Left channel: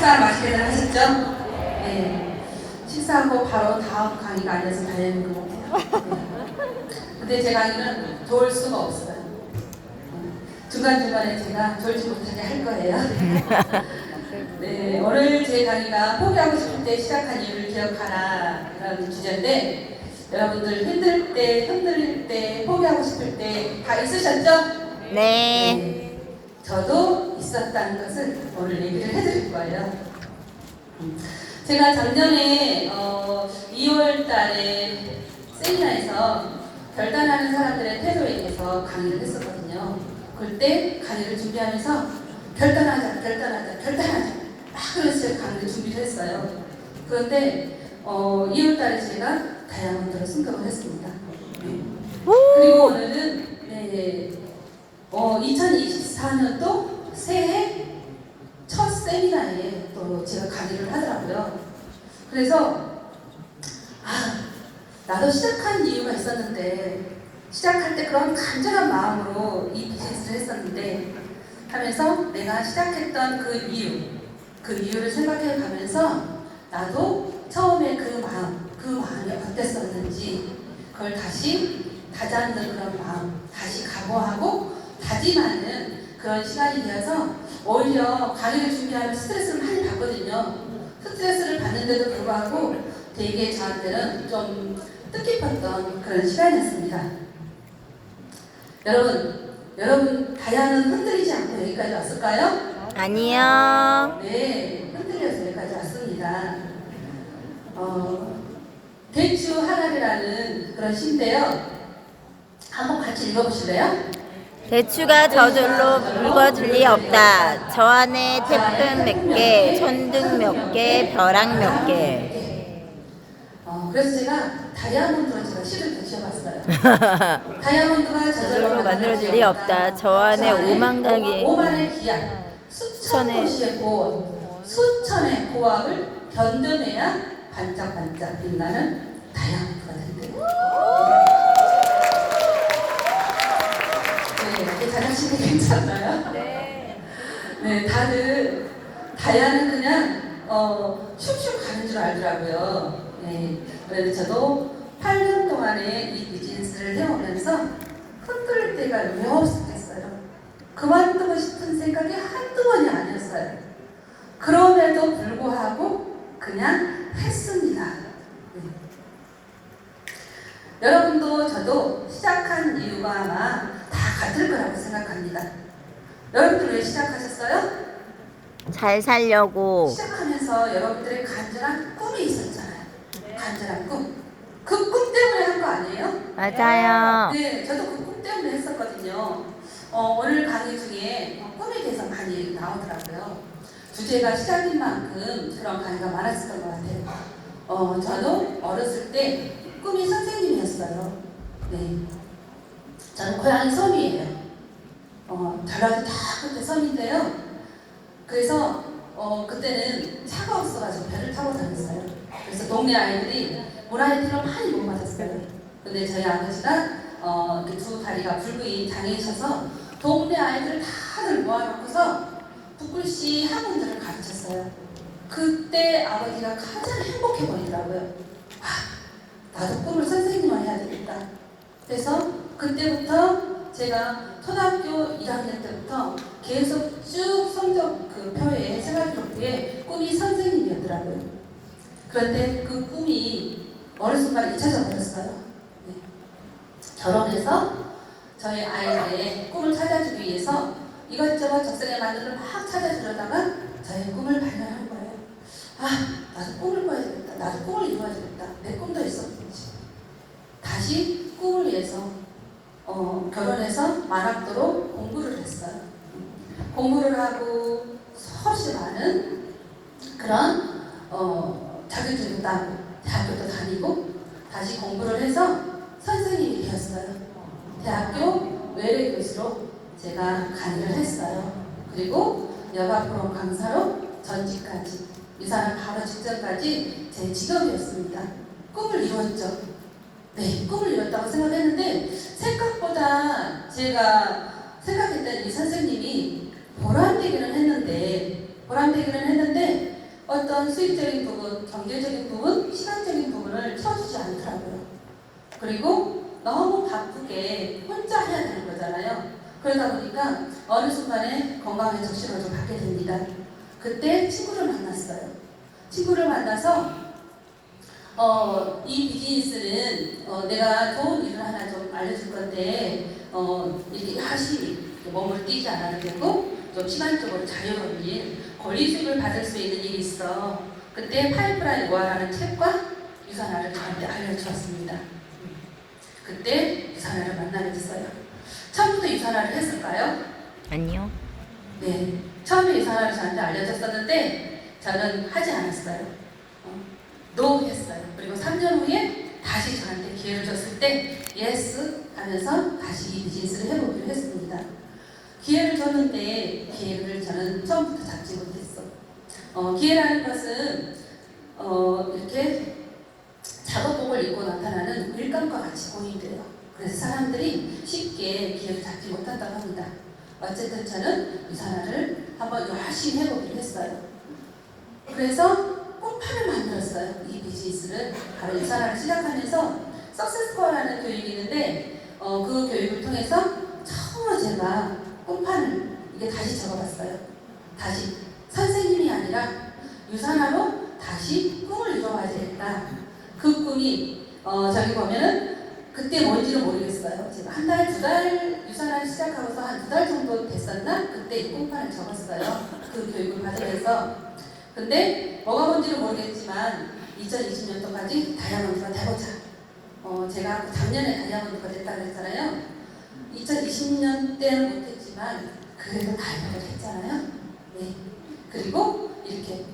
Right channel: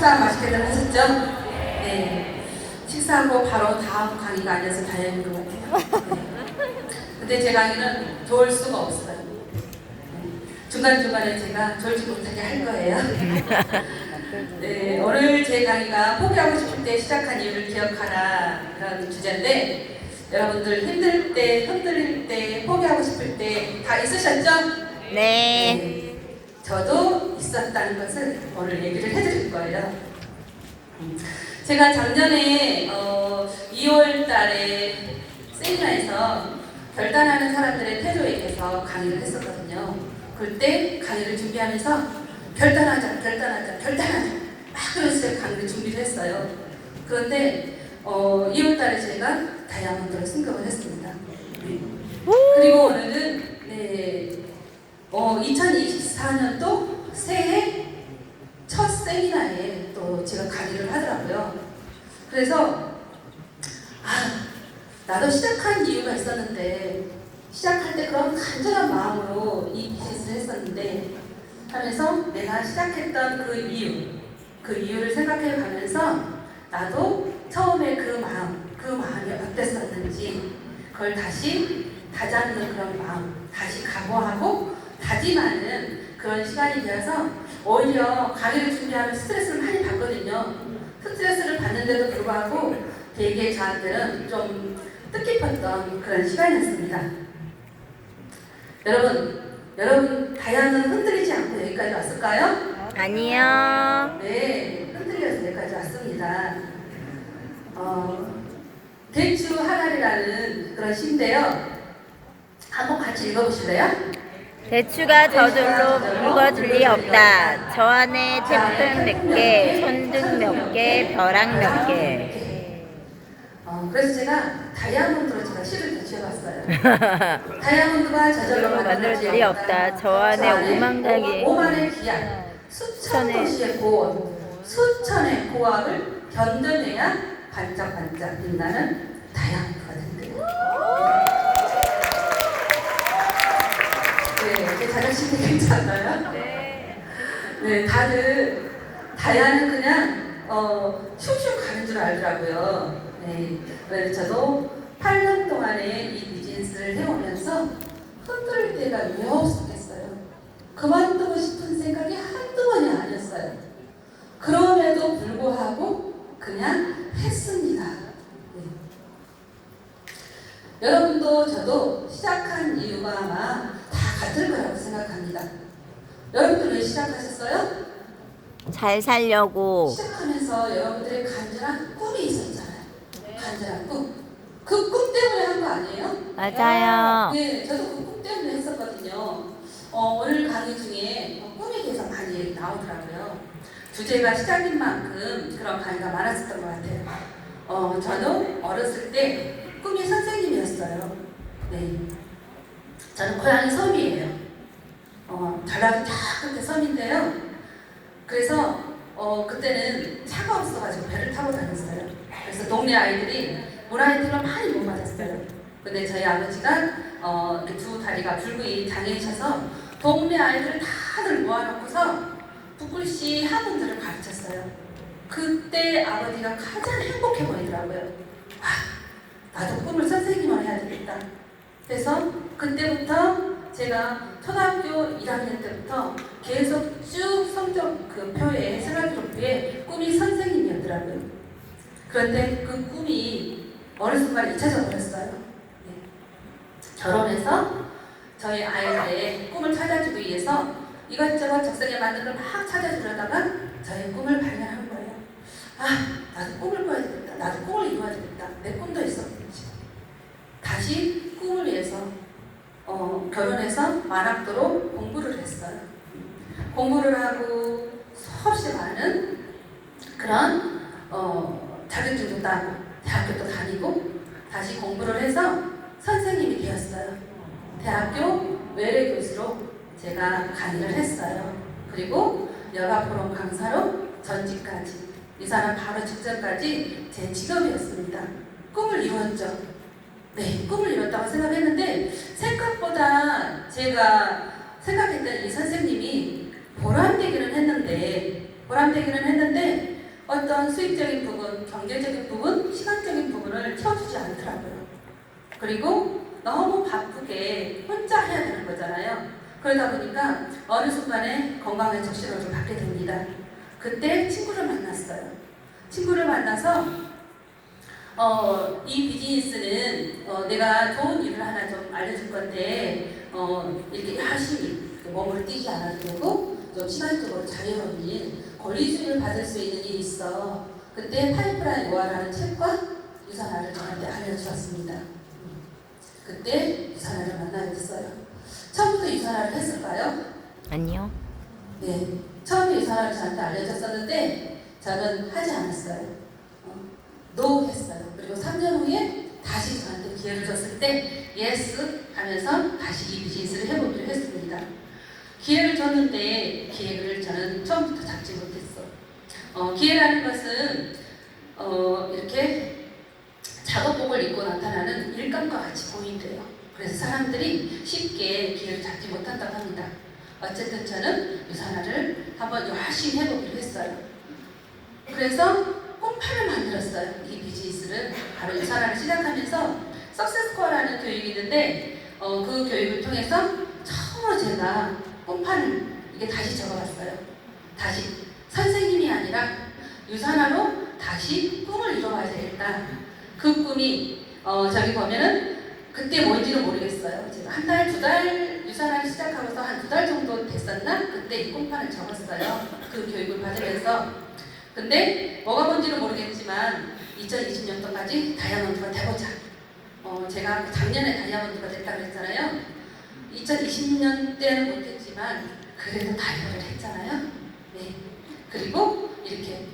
식사 맛있게들 하셨죠? 네. 식사하고 바로 다음 강의가 아니어서 다행인 것 같아요. 네. 근데 제 강의는 좋을 수가 없어요. 중간중간에 제가 졸지 못하게 할 거예요. 네, 오늘 제 강의가 포기하고 싶을 때 시작한 이유를 기억하라 이런 주제인데 여러분들 힘들 때, 흔들릴 때, 포기하고 싶을 때 다 있으셨죠? 네. 네. 저도 있었다는 것을 오늘 얘기를 해드릴 거예요. 제가 작년에 2월 달에 세미나에서 결단하는 사람들의 태도에 대해서 강의를 했었거든요. 그때 강의를 준비하면서 결단하자 막 그러면서 강의를 준비를 했어요. 그런데 2월 달에 제가 다이아몬드를 승격을 했습니다. 네. 그리고 오늘은 2024년도 새해 첫 세미나에 또 제가 강의를 하더라고요. 그래서 나도 시작한 이유가 있었는데 시작할 때 그런 간절한 마음으로 이 비즈니스를 했었는데 하면서 내가 시작했던 그 이유를 생각해 가면서 나도 처음에 그 마음이 어땠었는지 그걸 다시 다잡는 그런 마음, 다시 각오하고 다짐하는 그런 시간이 되어서 오히려 강의를 준비하면 스트레스를 많이 받거든요. 스트레스를 받는데도 불구하고 되게 저한테는 좀 뜻깊었던 그런 시간이었습니다. 여러분 다이아는 흔들리지 않고 여기까지 왔을까요? 아니요. 네, 흔들려서 여기까지 왔습니다. 대추 하나리라는 그런 시인데요. 한번 같이 읽어보실래요? 대추가 저절로 묵어질 리 없다. 저 안에 태풍 몇 개, 천둥 몇 개, 벼락 몇 개. 그래서 제가 다이아몬드로 제가 시를 대체해봤어요. 다이아몬드가 저절로 만들어질 리 없다. 저 안에 오만의 기약, 수천 도시의 고원, 수천의 고압을 견뎌내야 반짝반짝 빛나는 다이아몬드가 된대요. 네, 자존심이 괜찮나요? 네, 다들 다이아는 그냥 춤춤 가는 줄 알더라고요. 네, 그래서 저도 8년 동안의 이 비즈니스를 해오면서 흔들릴 때가 왜 없었겠어요. 그만두고 싶은 생각이 한두 번이 아니었어요. 그럼에도 불구하고 그냥 했습니다. 네. 여러분도 저도 시작한 이유가 아마 다 같을 거라고 생각합니다. 여러분들 왜 시작하셨어요? 잘 살려고. 시작하면서 여러분들의 간절한 꿈이 있었잖아요. 간절한 꿈. 그 꿈 때문에 한 거 아니에요? 맞아요. 네, 저도 그 꿈 때문에 했었거든요. 오늘 강의 중에 꿈에 대해서 많이 나오더라고요. 주제가 시작인 만큼 그런 강의가 많았었던 것 같아요. 저는 어렸을 때 꿈이 선생님이었어요. 네. 저는 고향이 섬이에요. 전라도 다 끝에 섬인데요. 그래서 그때는 차가 없어가지고 배를 타고 다녔어요. 그래서 동네 아이들이 물아이들을 많이 못 맞았어요. 근데 저희 아버지가 두 다리가 불구이 장애이셔서 동네 아이들을 다들 모아놓고서 붓글씨 학원들을 가르쳤어요. 그때 아버지가 가장 행복해 보이더라고요. 나도 꿈을 선생님을 해야 되겠다. 그래서 그때부터 제가 초등학교 1학년 때부터 계속 쭉 성적 그 표에 생활기록부에 꿈이 선생님이었더라고요. 그런데 그 꿈이 어느 순간 잊혀져 버렸어요. 네. 결혼해서 저희 아이들의 꿈을 찾아주기 위해서 이것저것 적성에 맞는 걸 막 찾아주려다가 저의 꿈을 발견하는 거예요. 나도 꿈을 꿔야 되겠다. 나도 꿈을 이루어야 되겠다. 내 꿈도 있었는지. 다시 꿈을 위해서 결혼해서 만학도로 공부를 했어요. 공부를 하고 수없이 많은 그런 자격증도 따고 대학교도 다니고 다시 공부를 해서 선생님이 되었어요. 대학교 외래교수로 제가 강의를 했어요. 그리고 여가 프로 강사로 전직까지 이 사람 바로 직전까지 제 직업이었습니다. 꿈을 이루었죠. 네, 꿈을 이뤘다고 생각했는데 생각보다 제가 생각했던 이 선생님이 보람되기는 했는데 보람되기는 했는데 어떤 수익적인 부분, 경제적인 부분, 시간적인 부분을 채워주지 않더라고요. 그리고 너무 바쁘게 혼자 해야 되는 거잖아요. 그러다 보니까 어느 순간에 건강의 적신호를 좀 받게 됩니다. 그때 친구를 만났어요. 친구를 만나서 이 비즈니스는 내가 좋은 일을 하나 좀 알려줄 건데 이렇게 열심히 몸을 뛰지 않아도 되고 좀 시간적으로 자유로운 일, 권리주의를 받을 수 있는 일이 있어. 그때 파이프라인 노아라는 책과 유산화를 저한테 알려주었습니다. 그때 유산화를 만나게 됐어요. 처음부터 유산화를 했을까요? 아니요. 네, 처음에 유산화를 저한테 알려줬었는데 저는 하지 않았어요. 노 했어요. 그리고 3년 후에 다시 저한테 기회를 줬을 때 예스 하면서 다시 이 비즈니스를 해보기로 했습니다. 기회를 줬는데 기회를 저는 처음부터 잡지 못했어. 기회라는 것은 이렇게 작업복을 입고 나타나는 일감과 같이 보인대요. 그래서 사람들이 쉽게 기회를 잡지 못한다고 합니다. 어쨌든 저는 유산화를 한번 열심히 해보기로 했어요. 그래서 꿈판을 만들었어요. 이 비즈니스를 바로 유산화를 시작하면서 석세스코어라는 교육이 있는데 그 교육을 통해서 처음으로 제가 꿈판을 이게 다시 적어봤어요. 다시 선생님이 아니라 유산화로 다시 꿈을 이뤄야 되겠다. 그 꿈이 저기 보면은 그때 뭔지는 모르겠어요. 제가 한 달, 두 달 유산화를 시작하고서 한 2달 정도 됐었나? 그때 이 꿈판을 적었어요. 그 교육을 받으면서. 근데 뭐가 뭔지는 모르겠지만 2020년도까지 다이아몬드가 되고자 제가 작년에 다이아몬드가 됐다고 그랬잖아요. 2020년 때는 못했지만 그래도 다이아몬드를 했잖아요. 네. 그리고 이렇게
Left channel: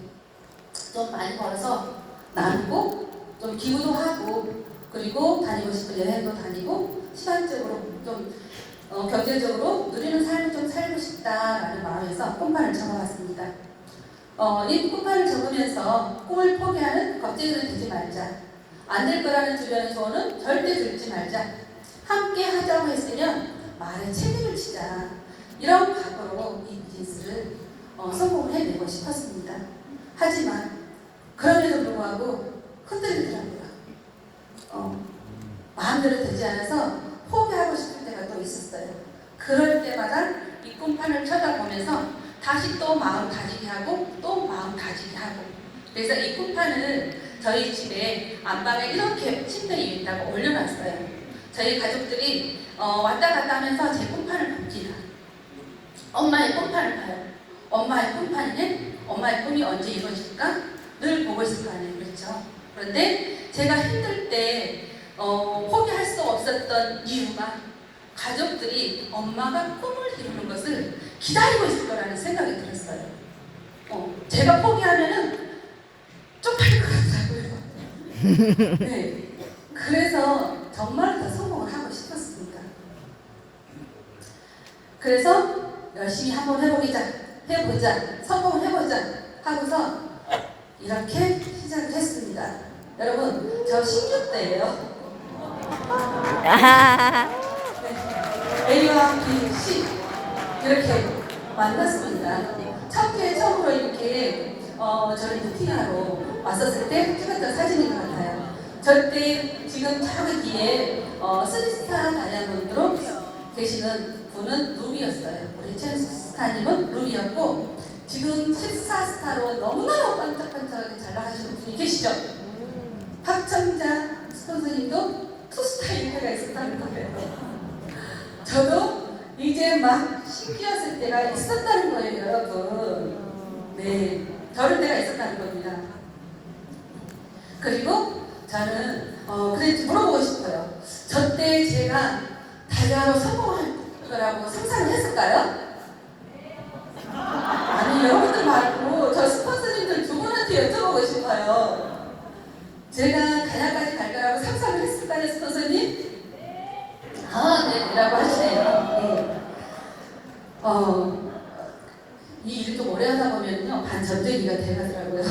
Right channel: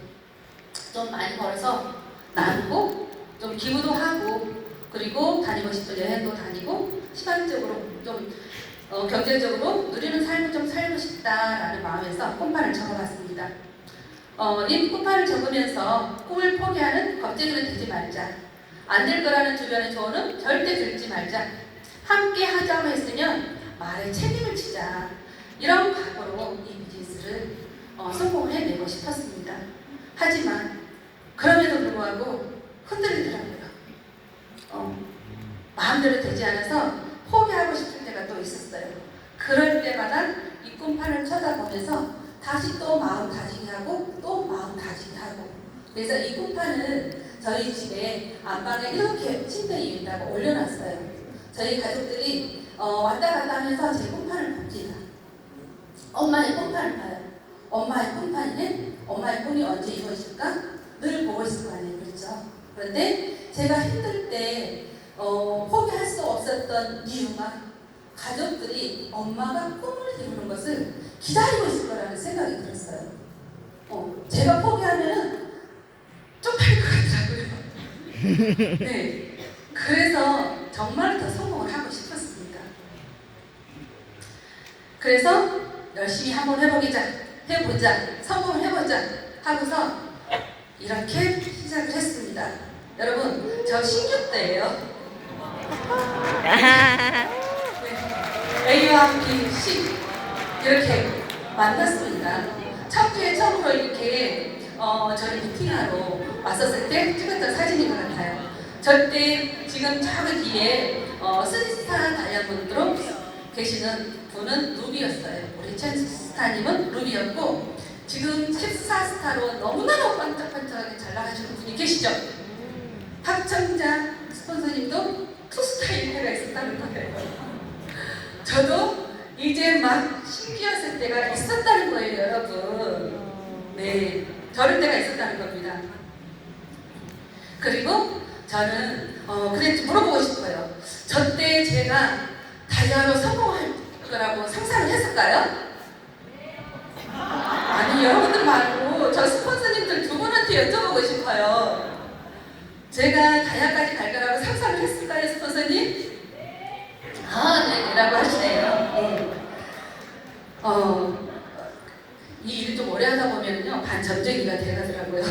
좀 많이 벌어서 나누고 좀 기부도 하고 그리고 다니고 싶은 여행도 다니고 시간적으로 좀 경제적으로 누리는 삶을 좀 살고 싶다라는 마음에서 꿈판을 적어봤습니다. 이 꿈판을 적으면서 꿈을 포기하는 겁쟁이는 되지 말자. 안 될 거라는 주변의 조언은 절대 들지 말자. 함께 하자고 했으면 말에 책임을 지자. 이런 각오로 이 비즈니스를 성공을 해내고 싶었습니다. 하지만 그럼에도 불구하고 흔들리더라고요. 마음대로 되지 않아서 포기하고 싶을 때가 또 있었어요. 그럴 때마다 이 꿈판을 쳐다보면서 다시 또 마음 가지게 하고 또 마음 가지게 하고 그래서 이 꿈판을 저희 집에 안방에 이렇게 침대 위에 있다고 올려놨어요. 저희 가족들이 왔다 갔다 하면서 제 꿈판을 봅니다. 엄마의 꿈판을 봐요. 엄마의 꿈판이네? 엄마의 꿈이 언제 이루어질까? 늘 보고 있을 거 아니에요. 그렇죠? 그런데 제가 힘들 때 포기할 수 없었던 이유가 가족들이 엄마가 꿈을 이루는 것을 기다리고 있을 거라는 생각이 들었어요. 제가 포기하면은 쪽팔릴 것 같더라고요. 네. 그래서 정말 더 성공을 하고 싶었습니다. 그래서 열심히 한번 해보자, 성공을 해보자 하고서 이렇게 시작을 했습니다. 여러분, 저 신규 때예요. A와 B, C 이렇게 만났습니다. 첫 주에 처음으로 이렇게 저희 미팅하러 왔었을 때 찍었던 사진인 것 같아요. 저때 지금 저기 뒤에 3스타 다이아몬드로 계시는 분은 루비였어요. 우리 첸스타님은 루비였고 지금 14스타로 너무나도 반짝반짝하게 잘 나가시는 분이 계시죠? 박정자 스폰서님도 2스타일 때가 있었다는 거예요. 저도 이제 막 신기했을 때가 있었다는 거예요, 여러분. 네, 저럴 때가 있었다는 겁니다. 그리고 저는 그래 물어보고 싶어요. 저 때 제가 다이아로 성공할 거라고 상상을 했을까요? 아니, 여러분들 말고 저 스폰서님들 두 분한테 여쭤보고 싶어요. 제가 다이아까지 갈 거라고 상상을 했을까요, 스폰서님? 네, 라고 하시네요. 네. 이 일을 좀 오래 하다 보면요, 반전쟁이가 돼가더라고요.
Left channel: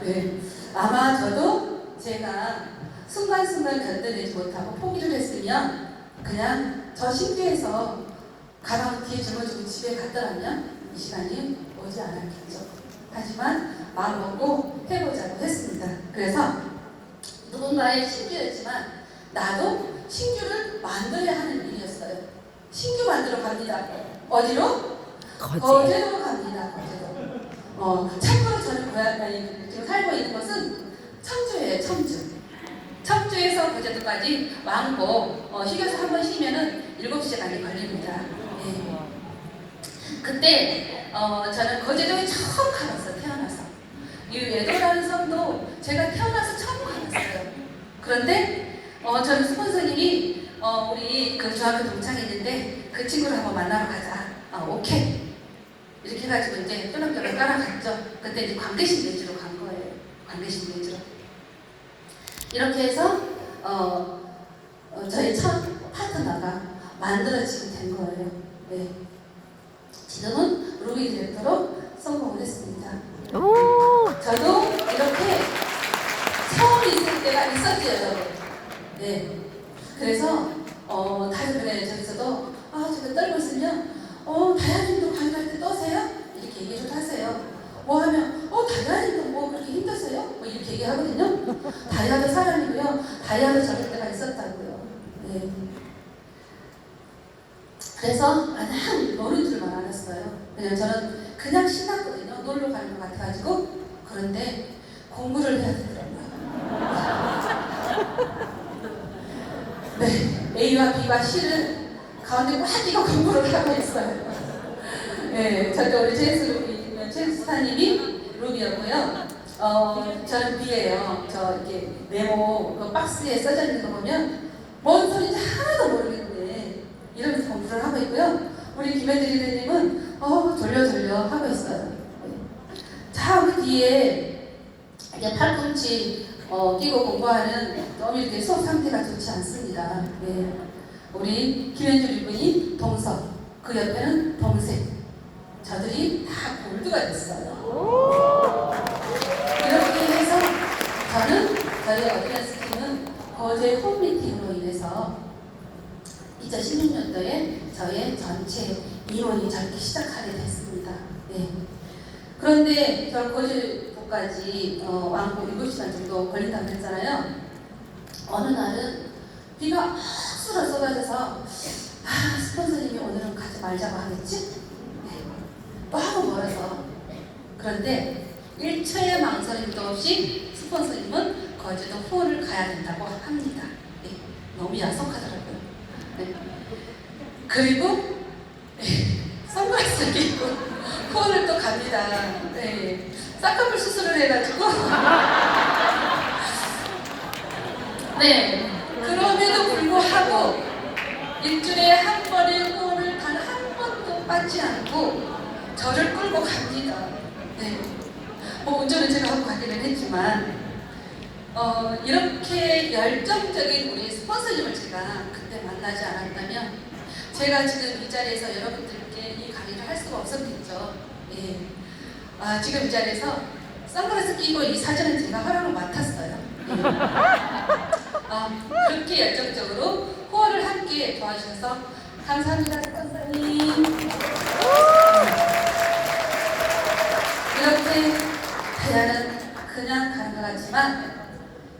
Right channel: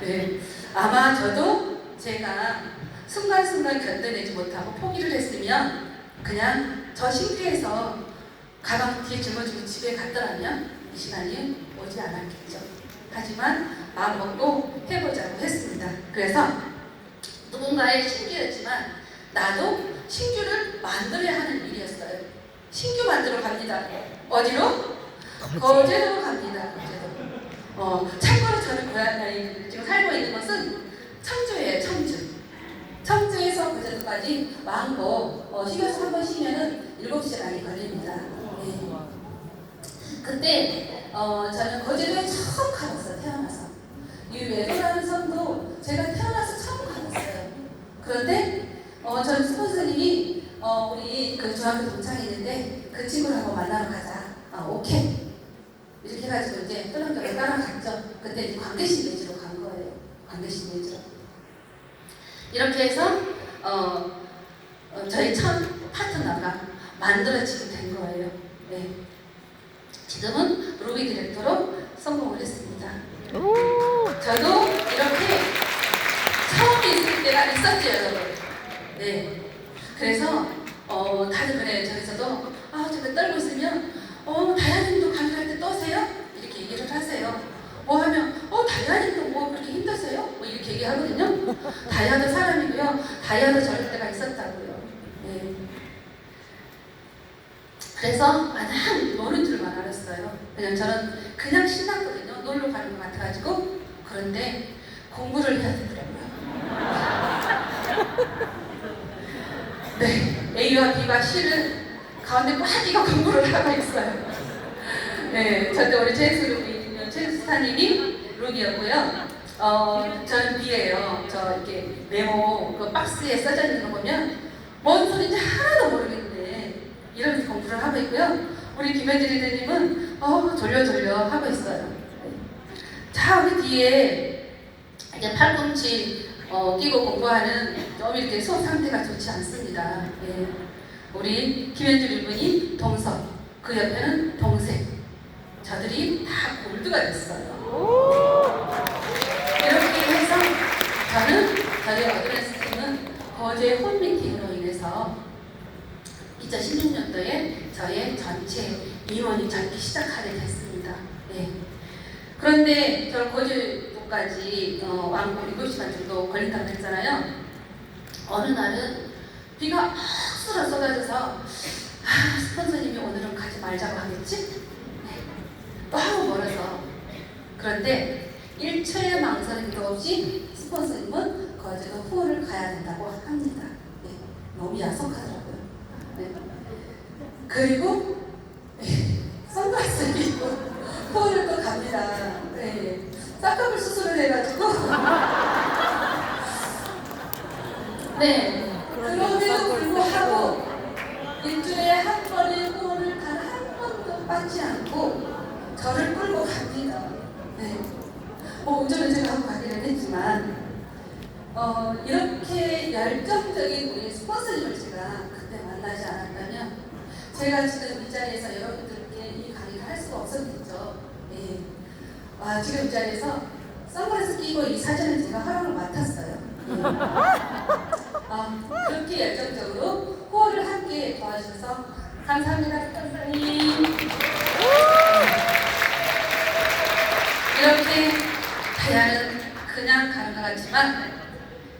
네. 아마 저도 제가 순간순간 견뎌내지 못하고 포기를 했으면 그냥 저 신기해서 가방 뒤에 짊어지고 집에 갔더라면 이 시간이 오지 않았겠죠. 하지만 마음 먹고 해보자고 했습니다. 그래서 누군가의 신규였지만 나도 신규를 만들어야 하는 일이었어요. 신규 만들어 갑니다. 어디로? 거제도 갑니다. 거제도. 참고로 저는 고향 지금 살고 있는 것은 청주예요. 청주. 청주에서 거제도까지 왕복 휴게소 한 번 쉬면은 7시간이 걸립니다. 예. 그때 저는 거제도에 처음 가봤어요. 태어나서. 이 외도라는 섬도 제가 태어나서 처음 가봤어요. 그런데 저는 스폰서님이 우리 그 중학교 동창이 있는데 그 친구를 한번 만나러 가자. 오케이. 이렇게 해가지고 이제 똘랑똘랑 따라갔죠. 그때 이제 관계신 내지로 간 거예요. 관계신 내지로. 이렇게 해서 저희 첫 파트너가 만들어지게 된 거예요. 네. 지금은 루비 디렉터로 성공을 했습니다. 저도 이렇게 처음 있을 때가 있었죠, 여러분. 네. 그래서 다들 그래요. 저기서도 저기 떨고 있으면 다이아님도 강의할 때 떠세요? 이렇게 얘기를 하세요. 뭐 하면 다이아님도 뭐 그렇게 힘드세요? 뭐 이렇게 얘기하거든요. 다이아도 사람이고요. 다이아도 저럴 때가 있었다고요. 네. 그래서 그냥 노는 줄만 알았어요. 그냥 저는 그냥 신났거든요. 놀러 가는 것 같아가지고. 그런데 공부를 해야 되더라고요. 네, A와 B와 C는 가운데 꽉 끼고 공부를 하고 있어요. 네, 저도 우리 제수 스타님이 룸이었고요. 저는 B예요. 저 이렇게 메모 그 박스에 써져 있는 거 보면 뭔 소리인지 하나도 모르겠는데 이러면서 공부를 하고 있고요. 우리 김현주 리더님은 졸려 하고 있어요. 네. 자, 우리 뒤에 이제 팔꿈치 끼고 공부하는 좀 이렇게 수업 상태가 좋지 않습니다. 네. 우리 김현주 리더님 동석, 그 옆에는 동생. 저들이 다 골드가 됐어요. 이렇게 해서 저는 저희 어드밴스 팀은 거제 홈미팅으로 인해서 2016년도에 저의 전체 임원이 잡기 시작하게 됐습니다. 네. 그런데 저 거제도까지 왕복 7시간 정도 걸린다고 했잖아요. 어느 날은 비가 헉수로 쏟아져서 스폰서님이 오늘은 가지 말자고 하겠지? 네. 너무 멀어서. 그런데 일체의 망설임도 없이 스폰서님은 거제도 후원을 가야 된다고 합니다. 네. 너무 야속하더라고요. 네. 그리고 선글라스를 끼고 후원을 또 갑니다. 네. 쌍꺼풀 수술을 해가지고 네. 그럼에도 불구하고 일주일에 한 번의 후원을 단 한 번도 빠지 않고 저를 끌고 갑니다. 네. 뭐 운전은 제가 하고 가기는 했지만 이렇게 열정적인 우리 스폰서님을 제가 그때 만나지 않았다면 제가 지금 이 자리에서 여러분들께 이 강의를 할 수가 없었겠죠. 예. 지금 이 자리에서 선글라스 끼고 이 사진은 제가 허락을 맡았어요. 예. 그렇게 열정적으로 후원을 함께 도와주셔서 감사합니다, 스폰서님. 이렇게 다이아는 그냥 가는 것 같지만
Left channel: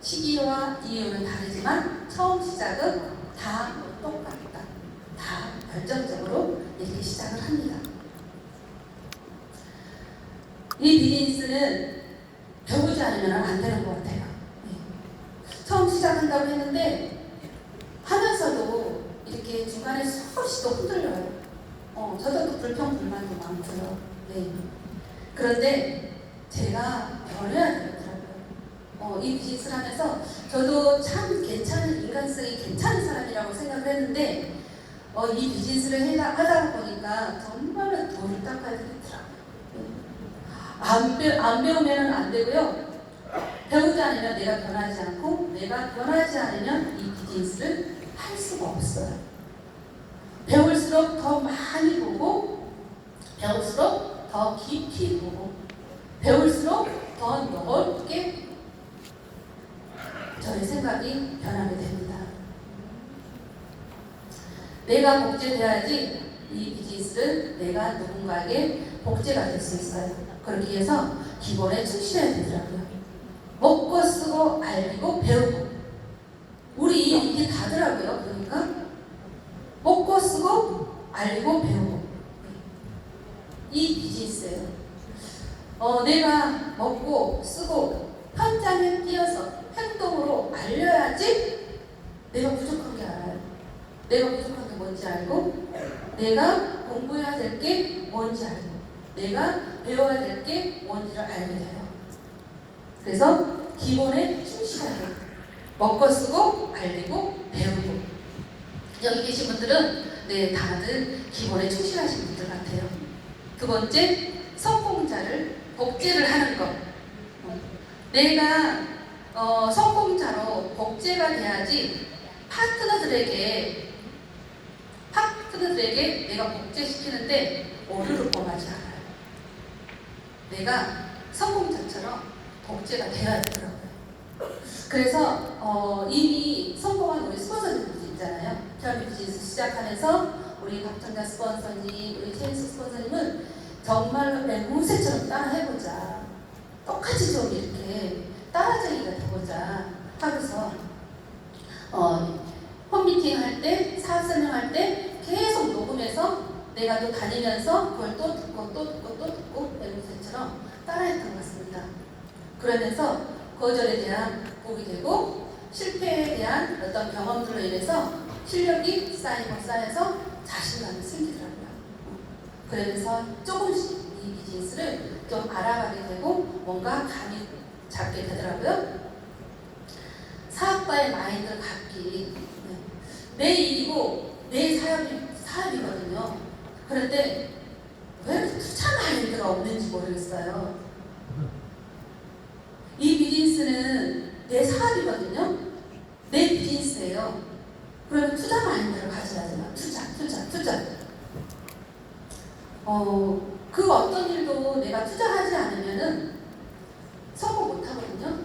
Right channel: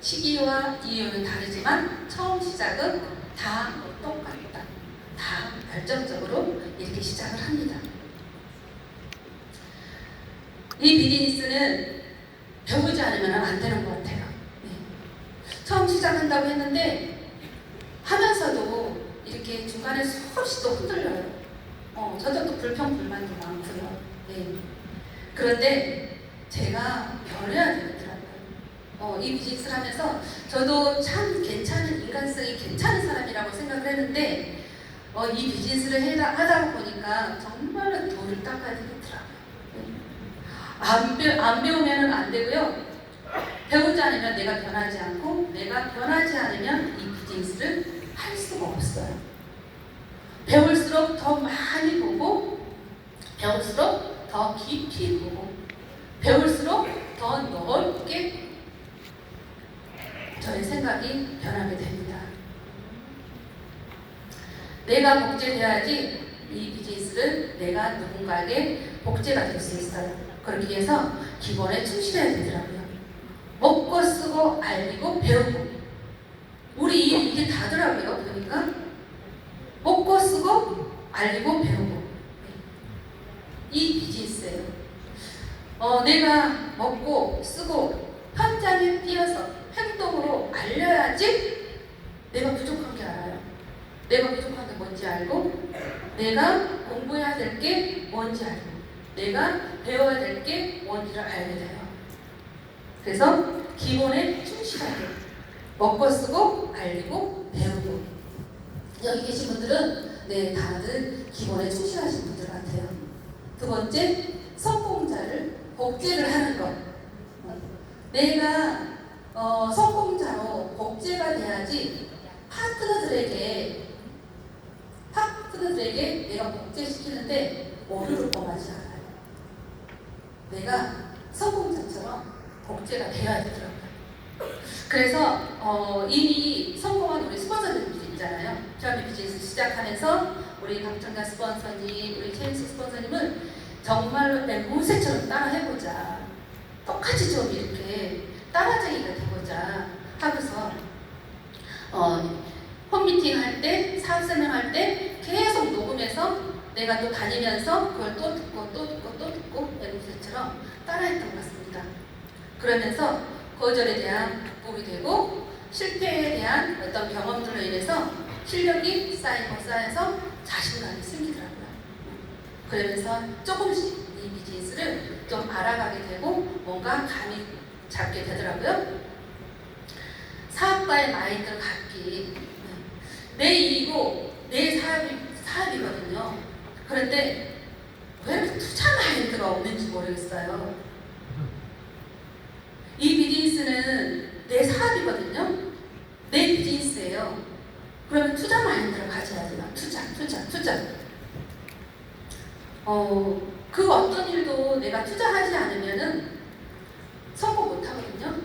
시기와 이유는 다르지만 처음 시작은 다 똑같다. 다 결정적으로 이렇게 시작을 합니다. 이 비즈니스는 배우지 않으면 안 되는 것 같아요. 처음 시작한다고 했는데 하면서도 이렇게 중간에 수없이 또 흔들려요. 저도 또 불평불만도 많고요. 네. 그런데 제가 변해야 되더라고요. 이 비즈니스를 하면서 저도 참 괜찮은 인간성이 괜찮은 사람이라고 생각을 했는데 이 비즈니스를 하다 보니까 정말로 돌을 닦아야 되겠더라고요. 안 배우면 안 되고요. 배우지 않으면 내가 변하지 않고 내가 변하지 않으면 이 비즈니스를 할 수가 없어요. 배울수록 더 많이 보고 배울수록 더 깊이 보고 배울수록 더 넓게 저의 생각이 변하게 됩니다. 내가 복제돼야지 이 비즈니스를 내가 누군가에게 복제가 될 수 있어요. 그렇게 해서 기본에 충실해야 되더라고요. 먹고 쓰고 알고 배우고 우리 이게 다더라고요. 그러니까 먹고 쓰고 알고 배우고 이 비즈니스예요. 내가 먹고 쓰고 현장에 뛰어서 행동으로 알려야지 내가 부족한 게 알아요. 내가 부족한 게 뭔지 알고 내가 공부해야 될 게 뭔지 알고 내가 배워야 될 게 뭔지를 알게 돼요. 그래서 기본에 충실하게 먹고 쓰고 알리고 배우고 여기 계신 분들은 네 다들 기본에 충실하신 분들 같아요. 두 번째 성공자를 복제를 하는 것. 내가 성공자로 복제가 돼야지 파트너들에게 내가 복제시키는데 오류를 범하지 않아요. 내가 성공자처럼 복제가 되어야 되더라고요. 그래서 이미 성공한 우리 스폰서님들이 있잖아요. 피라미드 비즈니스 시작하면서 우리 박정자 스폰서님, 우리 체인스 스폰서님은 정말로 맹무새처럼 따라해보자. 똑같이 좀 이렇게 따라쟁이가 돼보자 하면서 홈미팅 할 때, 사업 설명할 때 계속 녹음해서 내가 또 다니면서 그걸 또 듣고 맹무새처럼 따라했던 것 같습니다. 그러면서 거절에 대한 극복이 되고 실패에 대한 어떤 경험들로 인해서 실력이 쌓여서 자신감이 생기더라고요. 그러면서 조금씩 이 비즈니스를 좀 알아가게 되고 뭔가 감이 잡게 되더라고요. 사업가의 마인드를 갖기. 내 일이고 내 사업이거든요. 그런데 왜 투자 마인드가 없는지 모르겠어요. 이 비즈니스는 내 사업이거든요. 내 비즈니스예요. 그러면 투자 마인드를 가져야 돼요. 투자. 그 어떤 일도 내가 투자하지 않으면은 성공 못 하거든요.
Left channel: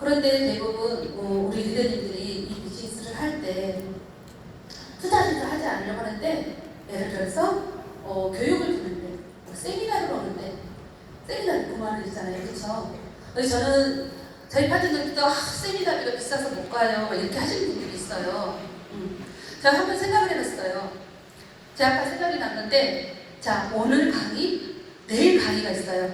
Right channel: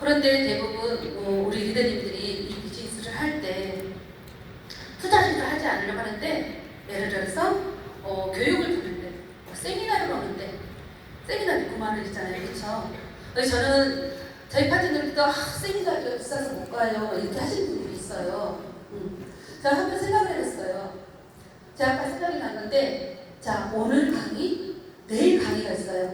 그런데 대부분 우리 리더님들이 이 비즈니스를 할 때 투자를 하지 않으려고 하는데 예를 들어서 교육을 듣는데 세미나를 오는데 세미나비 9만 원이잖아요. 그렇죠? 저는 저희 파트너들도 세미나비가 비싸서 못 가요. 이렇게 하시는 분들이 있어요. 제가 한번 생각을 해봤어요. 제가 아까 생각이 났는데 자 오늘 강의, 내일 강의가 있어요.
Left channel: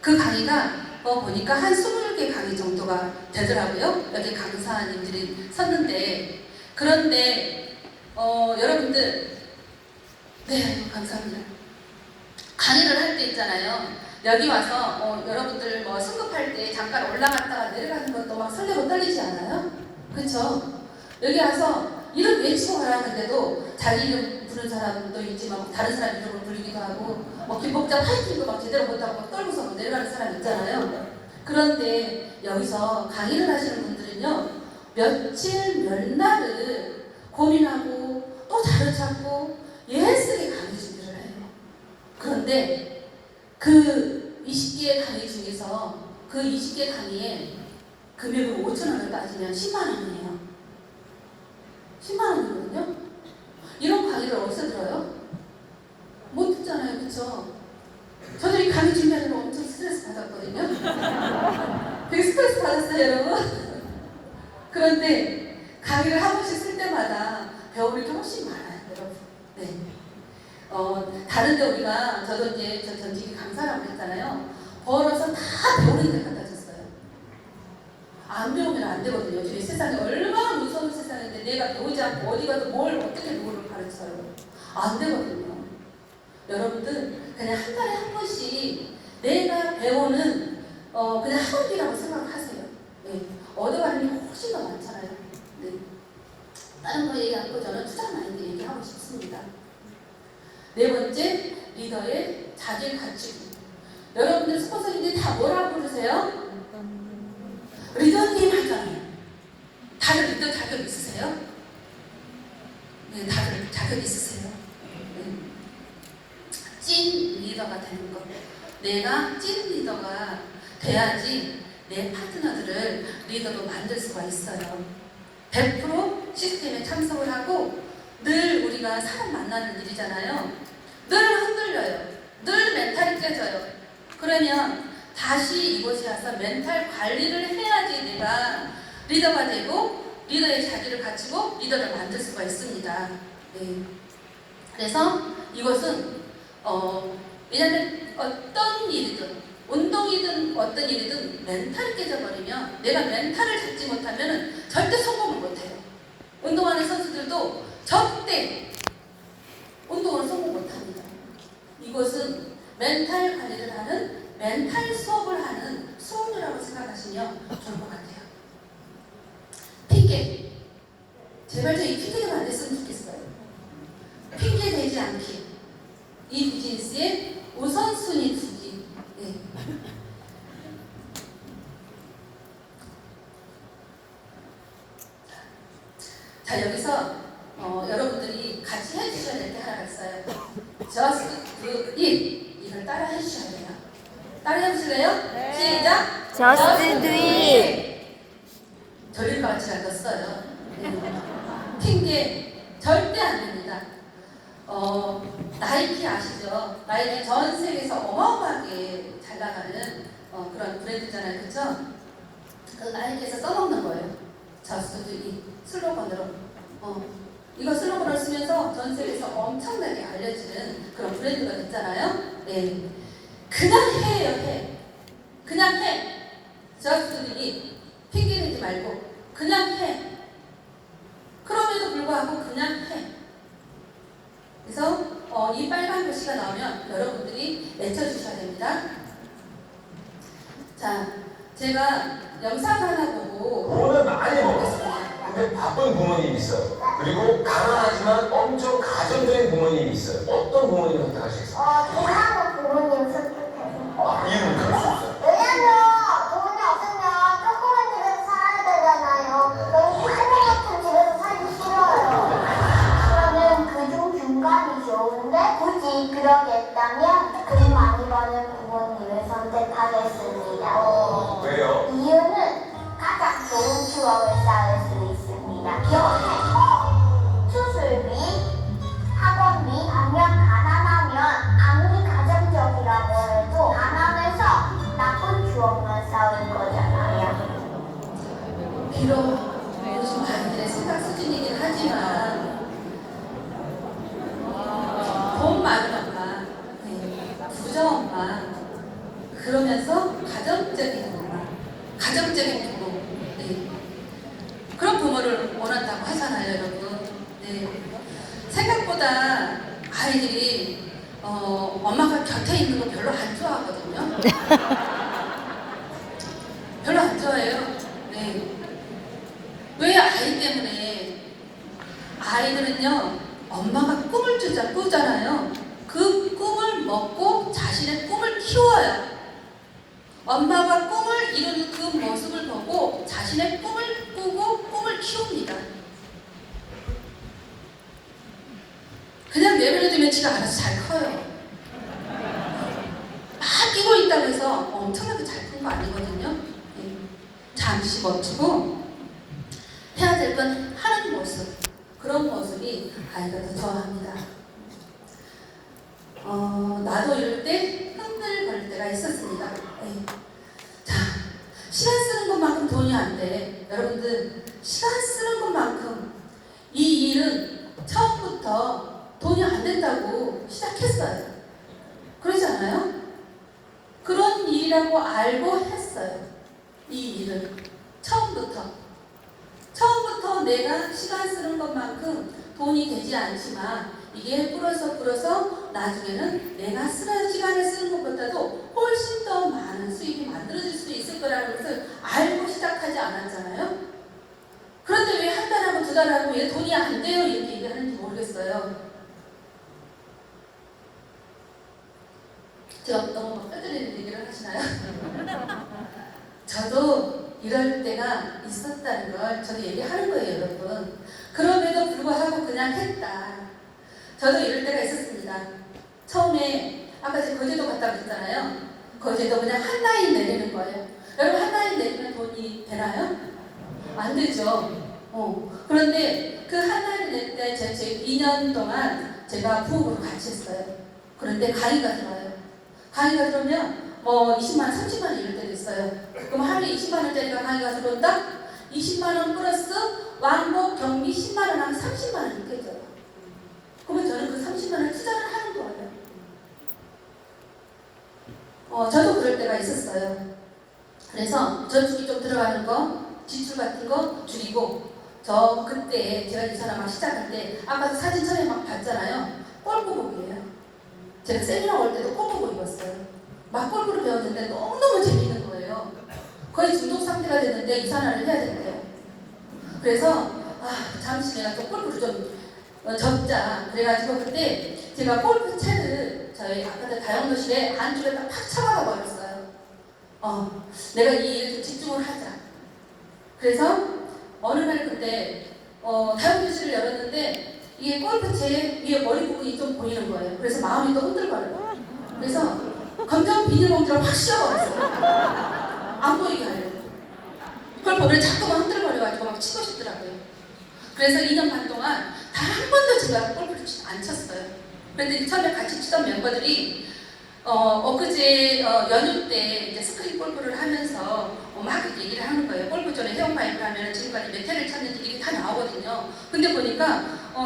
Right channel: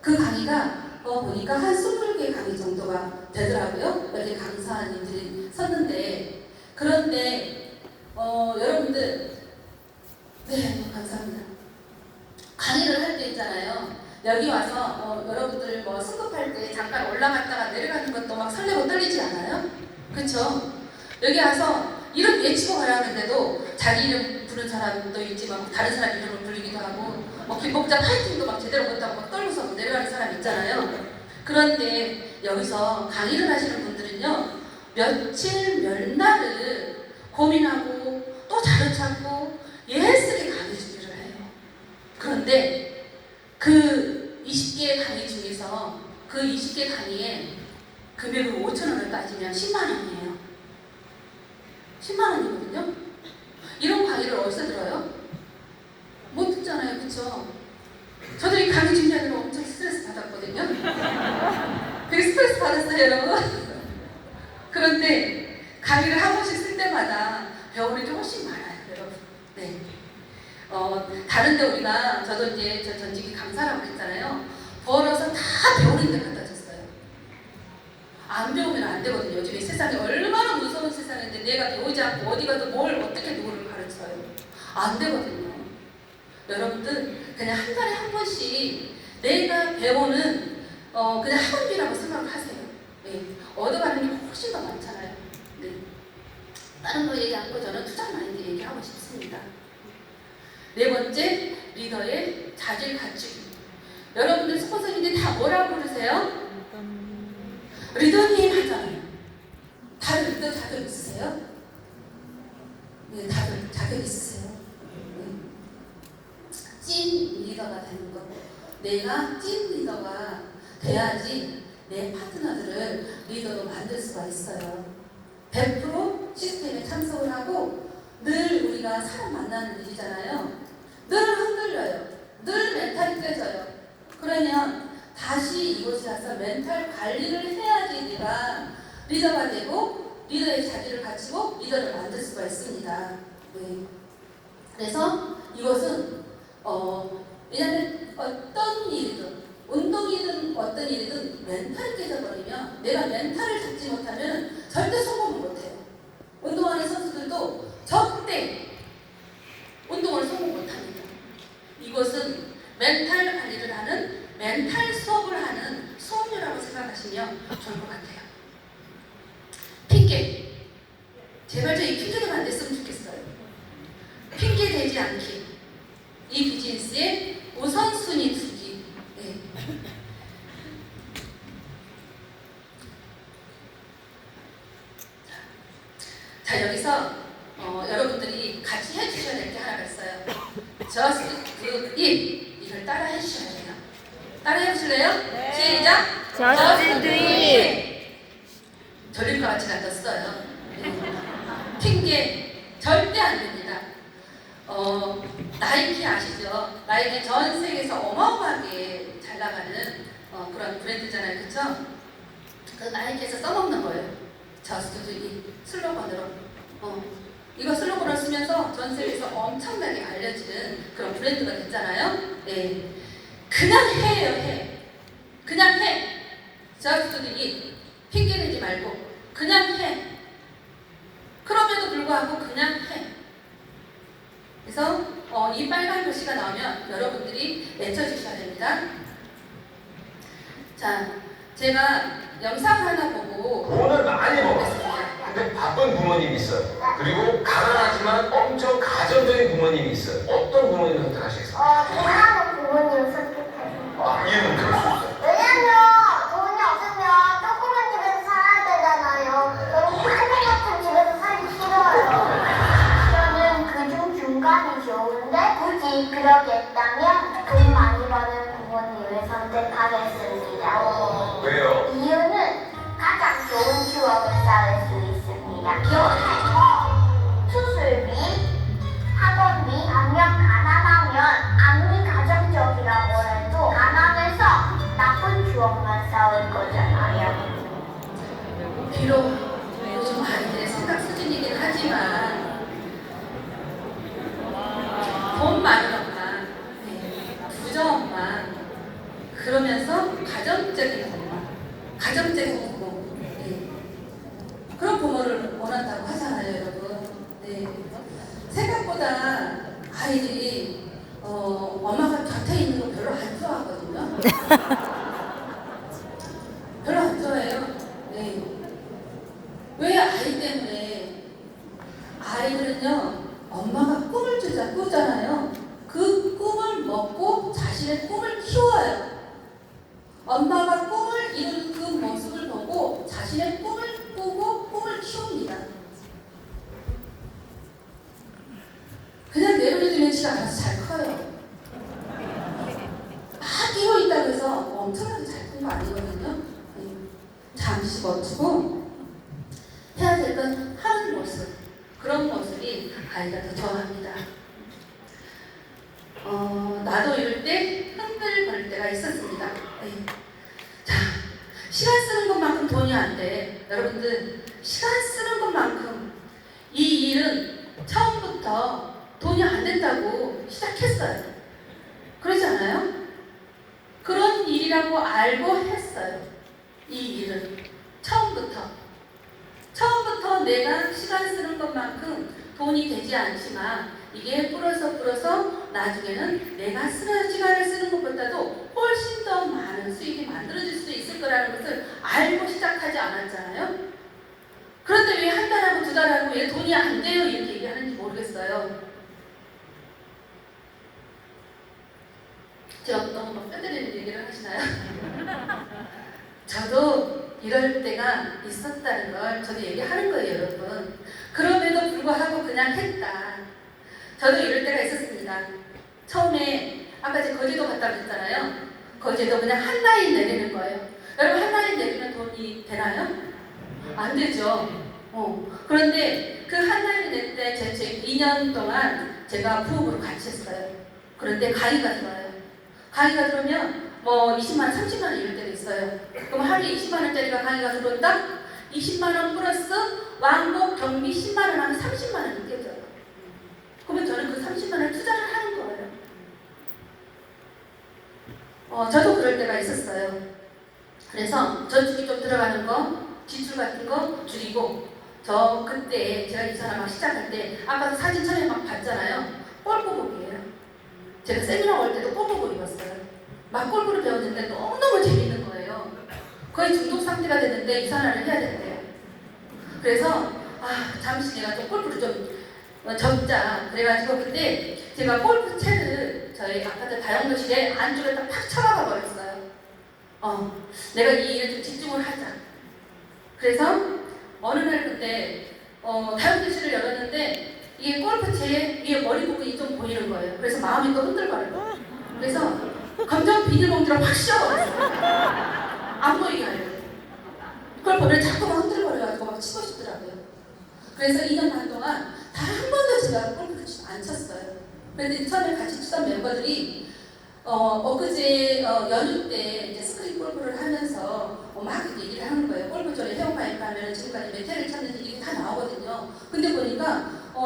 그 강의가 보니까 한 20개 강의 정도가 되더라고요. 여기 강사님들이 섰는데 그런데 여러분들 네 감사합니다. 강의를 할 때 있잖아요. 여기 와서 여러분들 뭐 승급할 때 잠깐 올라갔다가 내려가는 것도 막 설레고 떨리지 않아요? 그렇죠? 여기 와서 이름 외치고 가라는데도 자기 이름 부른 사람도 있지만 다른 사람 이름을 부르기도 하고 김복자 타이틀도 막 제대로 못하고 막 떨고서 내려가는 사람 있잖아요. 그런데 여기서 강의를 하시는 분들은요 며칠 몇 날을 고민하고 또 자료 찾고 예스게 강의 준비를 해요. 그런데 그 20개의 강의 중에서 그 20개 강의에 금액을 5,000원을 따지면 10만 원이에요. 10만 원이거든요. 이런 강의를 어디서 들어요? 못 듣잖아요. 그쵸? 저도 이 강의 준비하느라 엄청 스트레스 받았거든요. 되게 스트레스 받았어요, 여러분. 그런데 강의를 한 번씩 쓸 때마다 배우는 게 훨씬 많아요, 여러분. 네. 다른 데 우리가 저도 이제 저 전직이 강사라고 했잖아요. 벌어서 다 배우는 데 갖다 줬어요. 안 배우면 안 되거든요. 요즘 이 세상이 얼마나 무서운 세상인데 내가 배우지 않고 어디 가서 뭘 어떻게 누구를 가르쳐요. 안 되거든요. 여러분들 그냥 한 달에 한 번씩 내가 배우는 그냥 학원비라고 생각하세요. 네. 얻어가는 게 훨씬 더 많잖아요. 네. 다른 거 얘기 않고 저는 투자 마인드 얘기하고 싶습니다. 네 번째, 리더의 자질 갖추기. 여러분들 스폰서님들이 다 뭐라고 부르세요? 리더님 하잖아요. 다들 리더 자격 있으세요? 네, 다들 자격 있으세요. 네. 찐 리더가 되는 것. 내가 찐 리더가 돼야지 내 파트너들을 리더로 만들 수가 있어요. 100% 시스템에 참석을 하고 늘 우리가 사람 만나는 일이잖아요. 늘 흔들려요. 늘 멘탈이 깨져요. 그러면 다시 이곳에 와서 멘탈 관리를 해야지 내가 리더가 되고 리더의 자질을 갖추고 리더를 만들 수가 있습니다. 네. 그래서 이것은 왜냐하면 어떤 일이든 운동이든 어떤 일이든 멘탈이 깨져버리면 내가 멘탈을 잡지 못하면 절대 성공을 못해요. 운동하는 선수들도 절대 운동을 성공 못합니다. 이것은 멘탈 관리를 하는 멘탈 수업을 하는 수업료라고 생각하시면 좋을 것 같아요. 핑계. 제발 저 이 핑계 좀 안 됐으면 좋겠어요. 핑계 대지 않기. 이 비즈니스의 우선순위 두기. 네. 자, 여기서 여러분들이 같이 해주셔야 될 게 하나가 있어요. Just do it. 이걸 따라 해주셔야 돼요. 따라 해보실래요? 네. 시작! Just do it. 돌릴 것 같이 앉았어요. 핑계 절대 안 됩니다. 나이키 아시죠? 나이키 전 세계에서 어마어마하게 잘 나가는 그런 브랜드잖아요. 그쵸? 그 나이키에서 써먹는 거예요. Just do it. 슬로건으로. 이거 슬로건을 쓰면서 전 세계에서 엄청나게 알려지는 그런 브랜드가 됐잖아요. 네. 그냥 해요, 해. 그냥 해. Just do it. 핑계 대지 말고 그냥 해. 그럼에도 불구하고 그냥 해. 그래서 이 빨간 글씨가 나오면 여러분들이 외쳐주셔야 됩니다. 자, 제가 영상 하나 보고 돈을 많이 벌었어요. 근데 바쁜 부모님이 있어요. 그리고 가난하지만 엄청 가정적인 부모님이 있어요. 어떤 부모님을 선택하시겠어요? 가난한 부모님 선택해서. 이유는 그럴 수 있어요. 왜냐면 돈이 없으면 조그만 집에서 살아야 되잖아요. 너무 큰 같은 집에서 살기 싫어요. 저는 그중 중간이 좋은데 굳이 그러겠다면 돈 많이 버는 부모님을 선택하겠습니다. 왜요? 이유는 가장 좋은 추억을 쌓을 수 있습니다. 여행, 수술비, 학원비, 반면 가난하면 아무리 가정적이라고 해도 가난해서 나쁜 추억만 쌓을 거잖아요. 비록 요즘 아이들의 생각 수준이긴 하지만 돈 많은 엄마, 부정 엄마, 그러면서 가정적인 엄마, 가정적인 부모, 그런 부모를 원한다고 하잖아요, 여러분. 생각보다 아이들이 엄마가 곁에 있는 거 별로 안 좋아하거든요. 별로 안 좋아해요. 왜 아이 때문에? 아이들은요, 엄마가 꿈을 꾸잖아요. 그 꿈을 먹고 자신의 꿈을 키워요. 엄마가 꿈을 이루는 그 모습을 보고 자신의 꿈을 꾸고 꿈을 키웁니다. 그냥 내버려두면 지가 알아서 잘 커요. 막 뛰고 있다고 해서 엄청나게 잘 큰 거 아니거든요. 잠시 멈추고 해야 될 건 하는 모습, 그런 모습이 아이가 더 좋아합니다. 나도 이럴 때 흔들거릴 때가 있었습니다. 자, 시간 쓰는 것만큼 돈이 안 돼. 여러분들, 시간 쓰는 것만큼 이 일은 처음부터 돈이 안 된다고 시작했어요. 그러지 않아요? 그런 일이라고 알고 했어요. 이 일은 처음부터 내가 시간 쓰는 것만큼 돈이 되지 않지만 이게 뿌려서 나중에는 내가 시간을 쓰는 것보다도 훨씬 더 많은 수익이 만들어질 수도 있을 거라는 것을 알고 시작하지 않았잖아요. 그런데 왜 한 달하고 두 달하고 왜 돈이 안 돼요? 이렇게 얘기하는지 모르겠어요. 제가 너무 막 뼈저리는 얘기를 하시나요? 저도 이럴 때가 있었다는 걸 저도 얘기하는 거예요, 여러분. 그럼에도 불구하고 그냥 했다. 저도 이럴 때가 있었습니다. 처음에 아까 제가 거제도 갔다 그랬잖아요. 거제도 그냥 한 라인 내리는 거예요. 여러분, 한 라인 내리면 돈이 되나요? 안 되죠. 그런데 그 한 라인 낼 때 제 2년 동안 제가 부업으로 같이 했어요. 그런데 가기가 좋아요. 강의가 들어오면 뭐 20만 원, 30만 원 이럴 때도 있어요. 그럼 하루에 20만 원짜리가 강의가 들어온다? 20만 원 플러스 왕복 경비 10만 원 하면 30만 원 느껴져요. 그러면 저는 그 30만 원 투자를 하는 거예요. 저도 그럴 때가 있었어요. 그래서 저축이 좀 들어가는 거, 지출 같은 거 줄이고, 저 그때 제가 이 사람 막 시작할 때 아까 사진 촬영 막 봤잖아요. 골프복이에요. 제가 세미나 올 때도 골프복 입었어요. 막 골프를 배웠는데 너무너무 재밌는 거예요. 거의 중독 상태가 됐는데 이산화를 해야 된대요. 그래서 잠시 내가 좀 골프를 좀 접자. 그래가지고 그때 제가 골프채를 저희 아파트 다용도실에 안쪽에다 팍 쳐박아 버렸어요. 내가 이 일에 좀 집중을 하자. 그래서 어느 날 그때 다용도실을 열었는데 이게 골프채 위에 머리 부분이 좀 보이는 거예요. 그래서 마음이 또 흔들거려요. 그래서 검정 비닐봉지를 확 씌워버렸어요. 안 보이게 하려고. 그걸 보면 자꾸만 흔들거려가지고 막 치고 싶더라고요. 그래서 2년 반 동안 단 한 번도 제가 골프를 안 쳤어요. 그런데 처음에 같이 치던 멤버들이 엊그제 연휴 때 이제 스크린 골프를 하면서 막 얘기를 하는 거예요. 골프존에 회원가입을 하면 지금까지 몇 회를 쳤는지 이게 다 나오거든요. 근데 보니까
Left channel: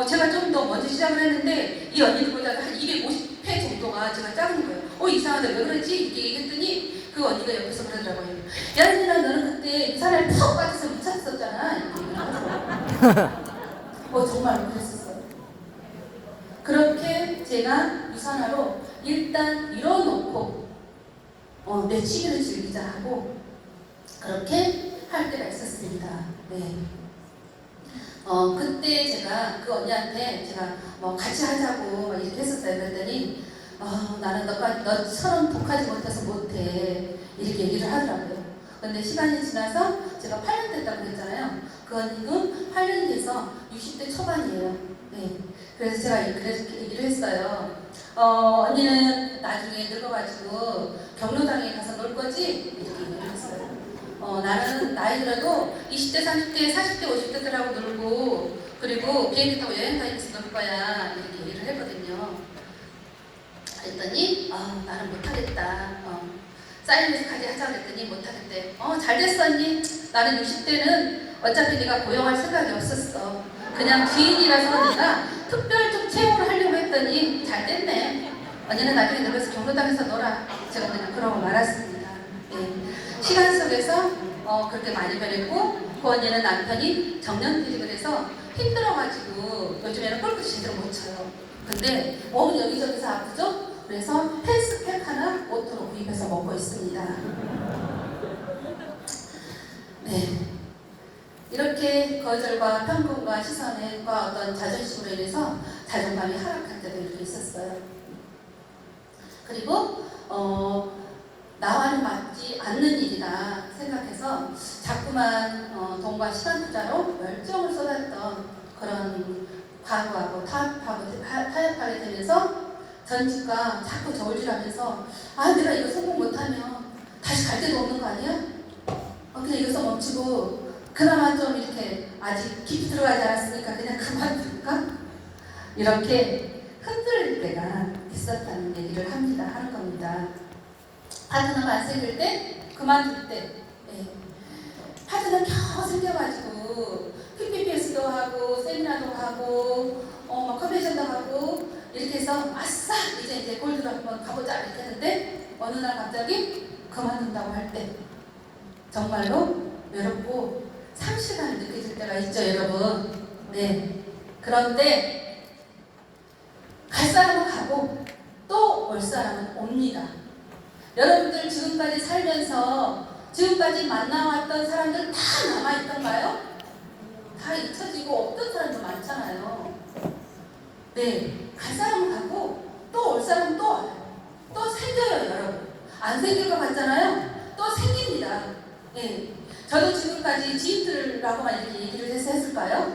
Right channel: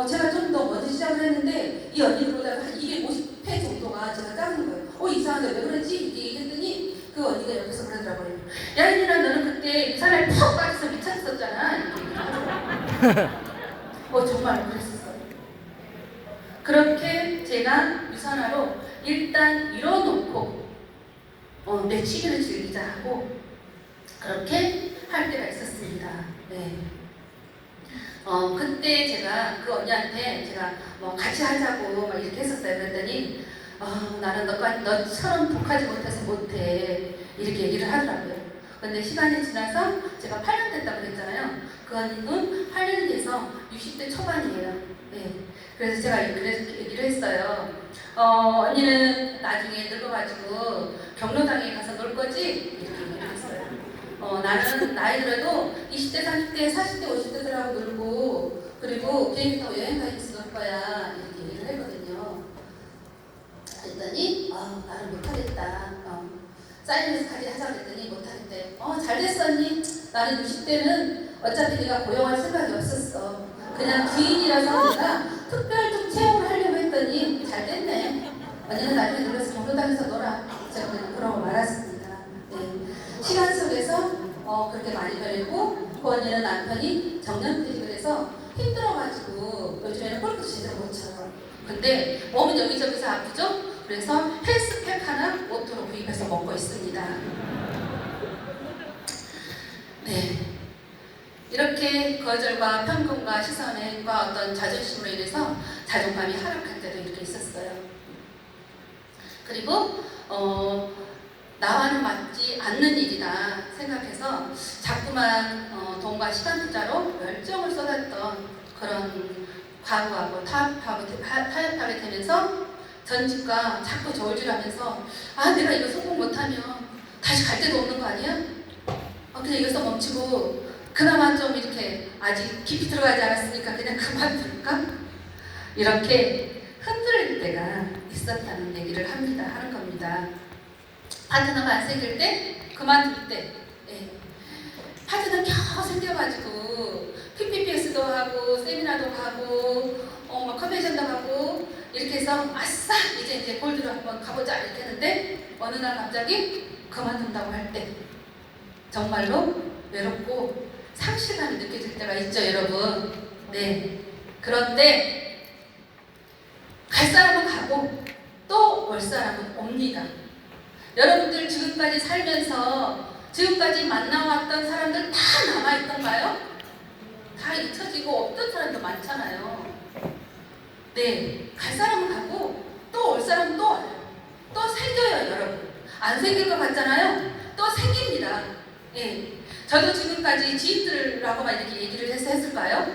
제가 좀 더 먼저 시작을 했는데 이 언니들보다 한 250회 정도가 제가 작은 거예요. 이상하다 왜 그러지? 이렇게 얘기했더니 그 언니가 옆에서 그러더라고요. 야린이랑 너는 그때 이 사람에 푹 빠져서 미쳤었잖아. 정말 그랬었어요. 그렇게 제가 유산화로 일단 이뤄놓고 내 취미를 즐기자 하고 그렇게 할 때가 있었습니다. 네. 그때 제가 그 언니한테 제가 같이 하자고 막 이렇게 했었어요. 그랬더니 나는 너처럼 독하지 못해서 못해 이렇게 얘기를 하더라고요. 근데 시간이 지나서 제가 8년 됐다고 그랬잖아요. 그 언니는 8년이 돼서 60대 초반이에요. 네. 그래서 제가 그래서 얘기를 했어요. 언니는 나중에 늙어가지고 경로당에 가서 놀 거지? 이렇게 얘기를 했어요. 나는 나이 들어도 20대, 30대, 40대, 50대들하고 놀고 그리고 비행기 타고 여행 다니면서 놀 거야 이렇게 얘기를 했거든요. 그랬더니 나는 못하겠다. 사이언스까지 하자 그랬더니 못하겠대. 잘 됐어 언니. 나는 60대는 어차피 네가 고용할 생각이 없었어. 그냥 주인이라서 내가 특별적 채용을 하려고 했더니 잘 됐네. 언니는 나중에 늙어서 경로당에서 놀아. 제가 그냥 그러고 말았습니다. 네. 시간 속에서 그렇게 많이 변했고 그 언니는 남편이 정년퇴직을 해서 힘들어가지고 요즘에는 골프 제대로 못 쳐요. 근데 몸은 여기저기서 아프죠? 그래서 헬스팩 하나 오토로 구입해서 먹고 있습니다. 네. 이렇게 거절과 편견과 시선과 어떤 자존심으로 인해서 자존감이 하락할 때도 이렇게 있었어요. 그리고 나와는 맞지 않는 일이다 생각해서 자꾸만 돈과 시간 투자로 열정을 쏟았던 그런 과거하고 타협하게 되면서 전직과 자꾸 저울질하면서 내가 이거 성공 못하면 다시 갈 데도 없는 거 아니야? 그냥 이것서 멈추고 그나마 좀 이렇게 아직 깊이 들어가지 않았으니까 그냥 그만둘까? 이렇게 흔들릴 때가 있었다는 얘기를 하는 겁니다. 파트너가 안 생길 때, 그만둘 때, 파트너 겨우 생겨가지고 PPPS도 하고 세미나도 하고 컨벤션도 하고 이렇게 해서 아싸 이제 골드로 한번 가보자 이렇게 했는데 어느 날 갑자기 그만둔다고 할 때 정말로 외롭고 상실감이 느껴질 때가 있죠, 여러분. 네. 그런데 갈 사람은 가고 또 올 사람은 옵니다. 여러분들 지금까지 살면서 지금까지 만나왔던 사람들 다 남아있던가요? 다 잊혀지고 없던 사람도 많잖아요. 네, 갈 사람은 가고 또 올 사람은 또 와요. 또 생겨요, 여러분. 안 생길 것 같잖아요. 또 생깁니다. 네, 저도 지금까지 지인들하고만 이렇게 얘기를 해서 했을까요?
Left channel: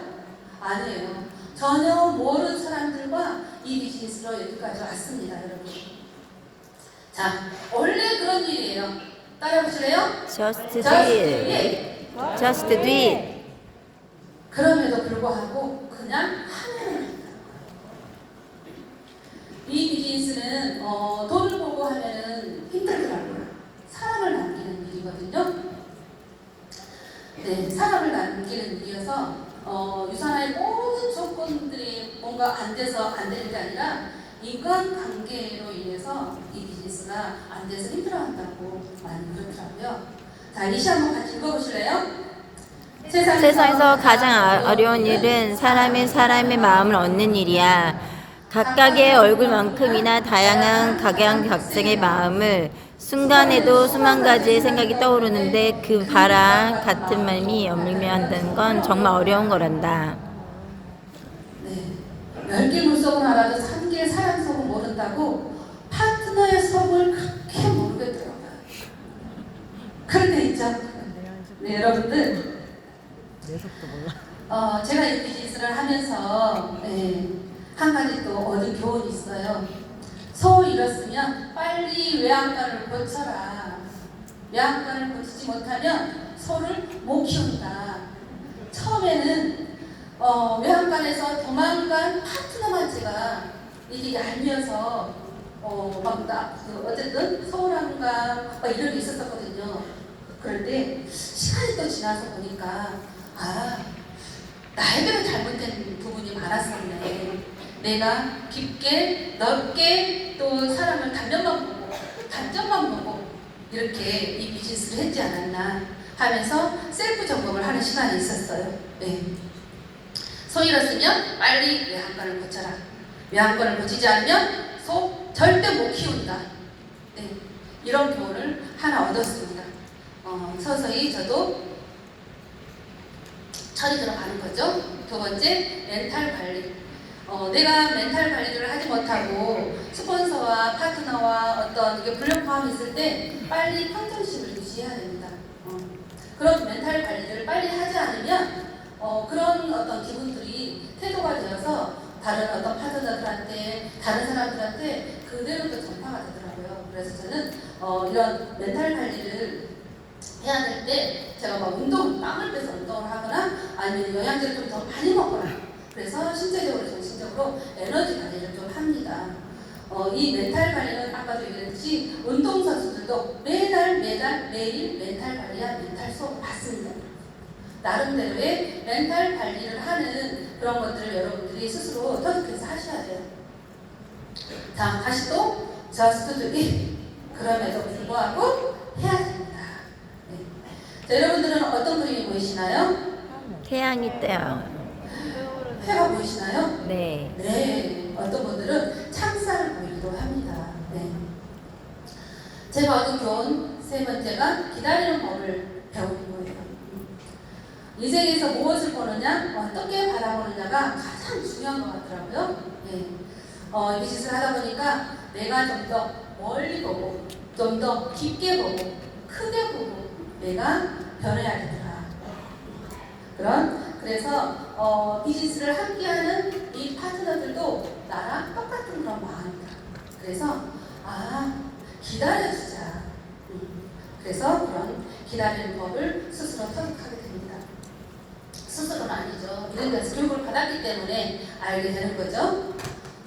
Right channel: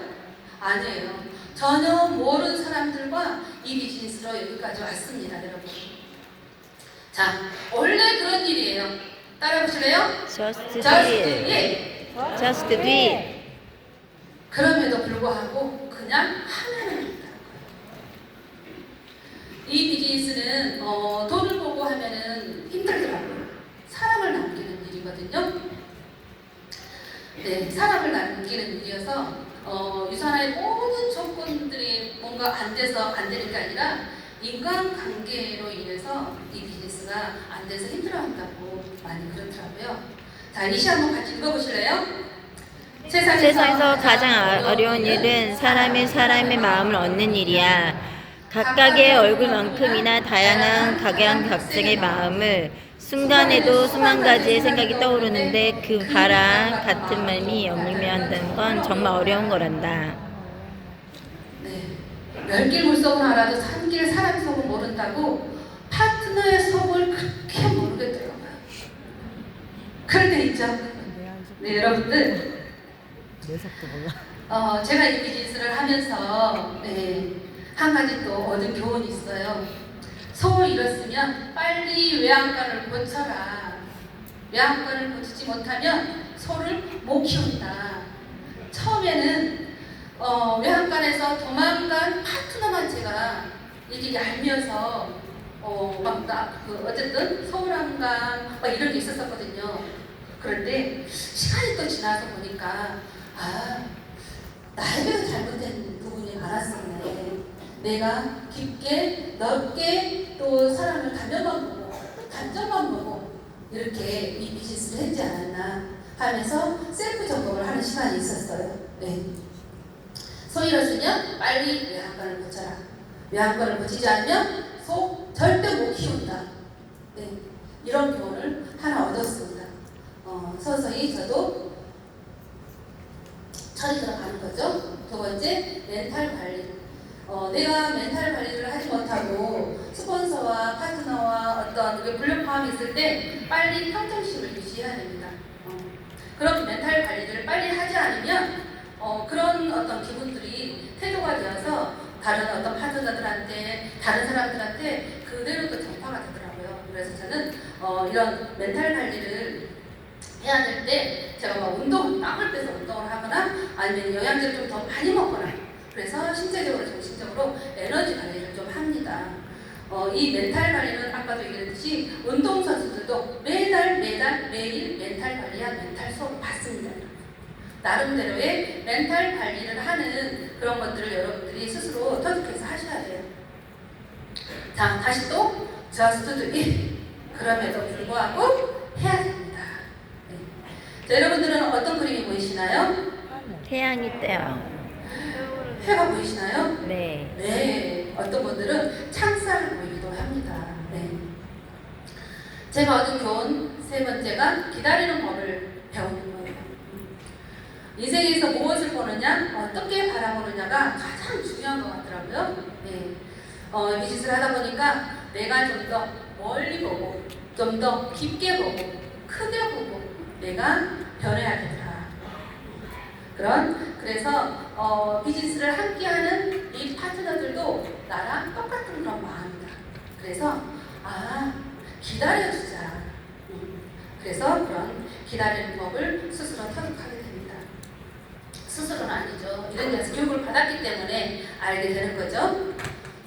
아니에요. 전혀 모르는 사람들과 이 비즈니스로 여기까지 왔습니다, 여러분. 자, 원래 그런 일이에요. 따라해보실래요? Just do it. Just do it. 그럼에도 불구하고 그냥 하면은 된다는 거예요. 이 비즈니스는 돈을 보고 하면은 힘들더라고요. 사람을 남기는 일이거든요. 네, 사람을 남기는 일이어서 유산화의 모든 조건들이 뭔가 안 돼서 안 되는 게 아니라 인간관계로 인해서 이 비즈니스가 안 돼서 힘들어한다고 많이 그렇더라고요. 자, 이 시 한번 같이 읽어보실래요? 세상에서 가장 어려운 일은 사람의 마음을 얻는 일이야. 각각의 얼굴만큼이나 다양한 각양각색의 마음을 순간에도 수만 가지의 생각이 떠오르는데 그 바랑 같은 마음이 엮이며 한다는 건 정말 어려운 거란다. 네, 10개 물속은 알아도 3개 사람 속은 모른다고 파트너의 속을 그렇게 모르겠더라고요. 그럴 때 있죠? 네, 여러분들. 제가 이 비즈니스를 하면서 한 가지 또 얻은 교훈이 있어요. 소 잃었으면 빨리 외양간을 고쳐라. 외양간을 고치지 못하면 소를 못 키운다. 처음에는 외양간에서 도망간 파트너만 제가 이게 얄미워서 어쨌든 서울한간 막 이런 게 있었거든요. 그런데 시간이 또 지나서 보니까 나에게도 잘못된 부분이 많았었네. 내가 깊게 넓게 또 사람을 단면만 보고 단점만 보고 이렇게 이 비즈니스를 했지 않았나 하면서 셀프 점검을 하는 시간이 있었어요. 네. 소 잃었으면 빨리 외양간을 고쳐라. 외양간을 고치지 않으면 소 절대 못 키운다. 네. 이런 교훈을 하나 얻었습니다. 서서히 저도 철이 들어가는 거죠. 두 번째, 멘탈 관리. 내가 멘탈 관리를 하지 못하고 스폰서와 파트너와 어떤 불협화음이 있을 때 빨리 평정심을 유지해야 됩니다. 그런 멘탈 관리를 빨리 하지 않으면 그런 어떤 기분들이 태도가 되어서 다른 어떤 파트너들한테 다른 사람들한테 그대로 또 전파가 되더라고요. 그래서 저는 이런 멘탈 관리를 해야 될 때 제가 막 땀을 빼서 운동을 하거나 아니면 영양제를 좀 더 많이 먹거나 그래서 신체적으로 정신적으로 에너지 관리를 좀 합니다. 이 멘탈 관리는 아까도 얘기했듯이 운동선수들도 매일 멘탈 관리와 멘탈 수업을 받습니다. 나름대로의 멘탈 관리를 하는 그런 것들을 여러분들이 스스로 터득해서 하셔야 돼요. 자, 다시 또 저스트들이 그럼에도 불구하고 해야 됩니다. 자, 여러분들은 어떤 그림이 보이시나요? 태양이 떠요. 해가 보이시나요? 네. 네. 어떤 분들은 창살을 보이기도 합니다. 네. 제가 얻은 교훈 세 번째가 기다리는 법을 배우는 거예요. 인생에서 무엇을 보느냐, 어떻게 바라보느냐가 가장 중요한 것 같더라고요. 네. 비즈니스를 하다 보니까 내가 좀 더 멀리 보고, 좀 더 깊게 보고, 크게 보고, 내가 변해야 되더라. 그래서 비즈니스를 함께하는 이 파트너들도 나랑 똑같은 그런 마음이다. 그래서 기다려주자. 그래서 그런 기다리는 법을 스스로 터득하게 됩니다. 스스로는 아니죠. 이런 데서 교육을 받았기 때문에 알게 되는 거죠.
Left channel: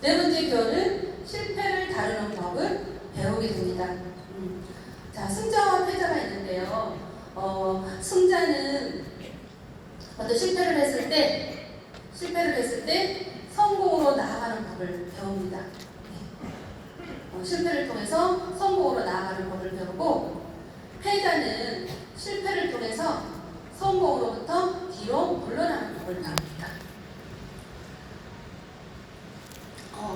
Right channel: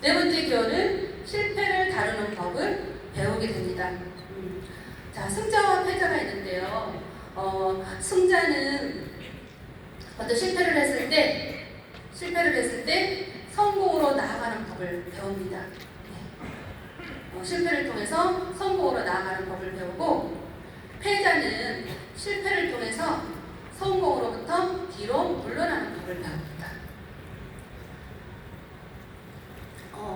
네 번째 교훈은 실패를 다루는 법을 배우게 됩니다. 자, 승자와 패자가 있는데요. 승자는 어떤 실패를 했을 때 성공으로 나아가는 법을 배웁니다. 실패를 통해서 성공으로 나아가는 법을 배우고, 패자는 실패를 통해서 성공으로부터 뒤로 물러나는 법을 배웁니다.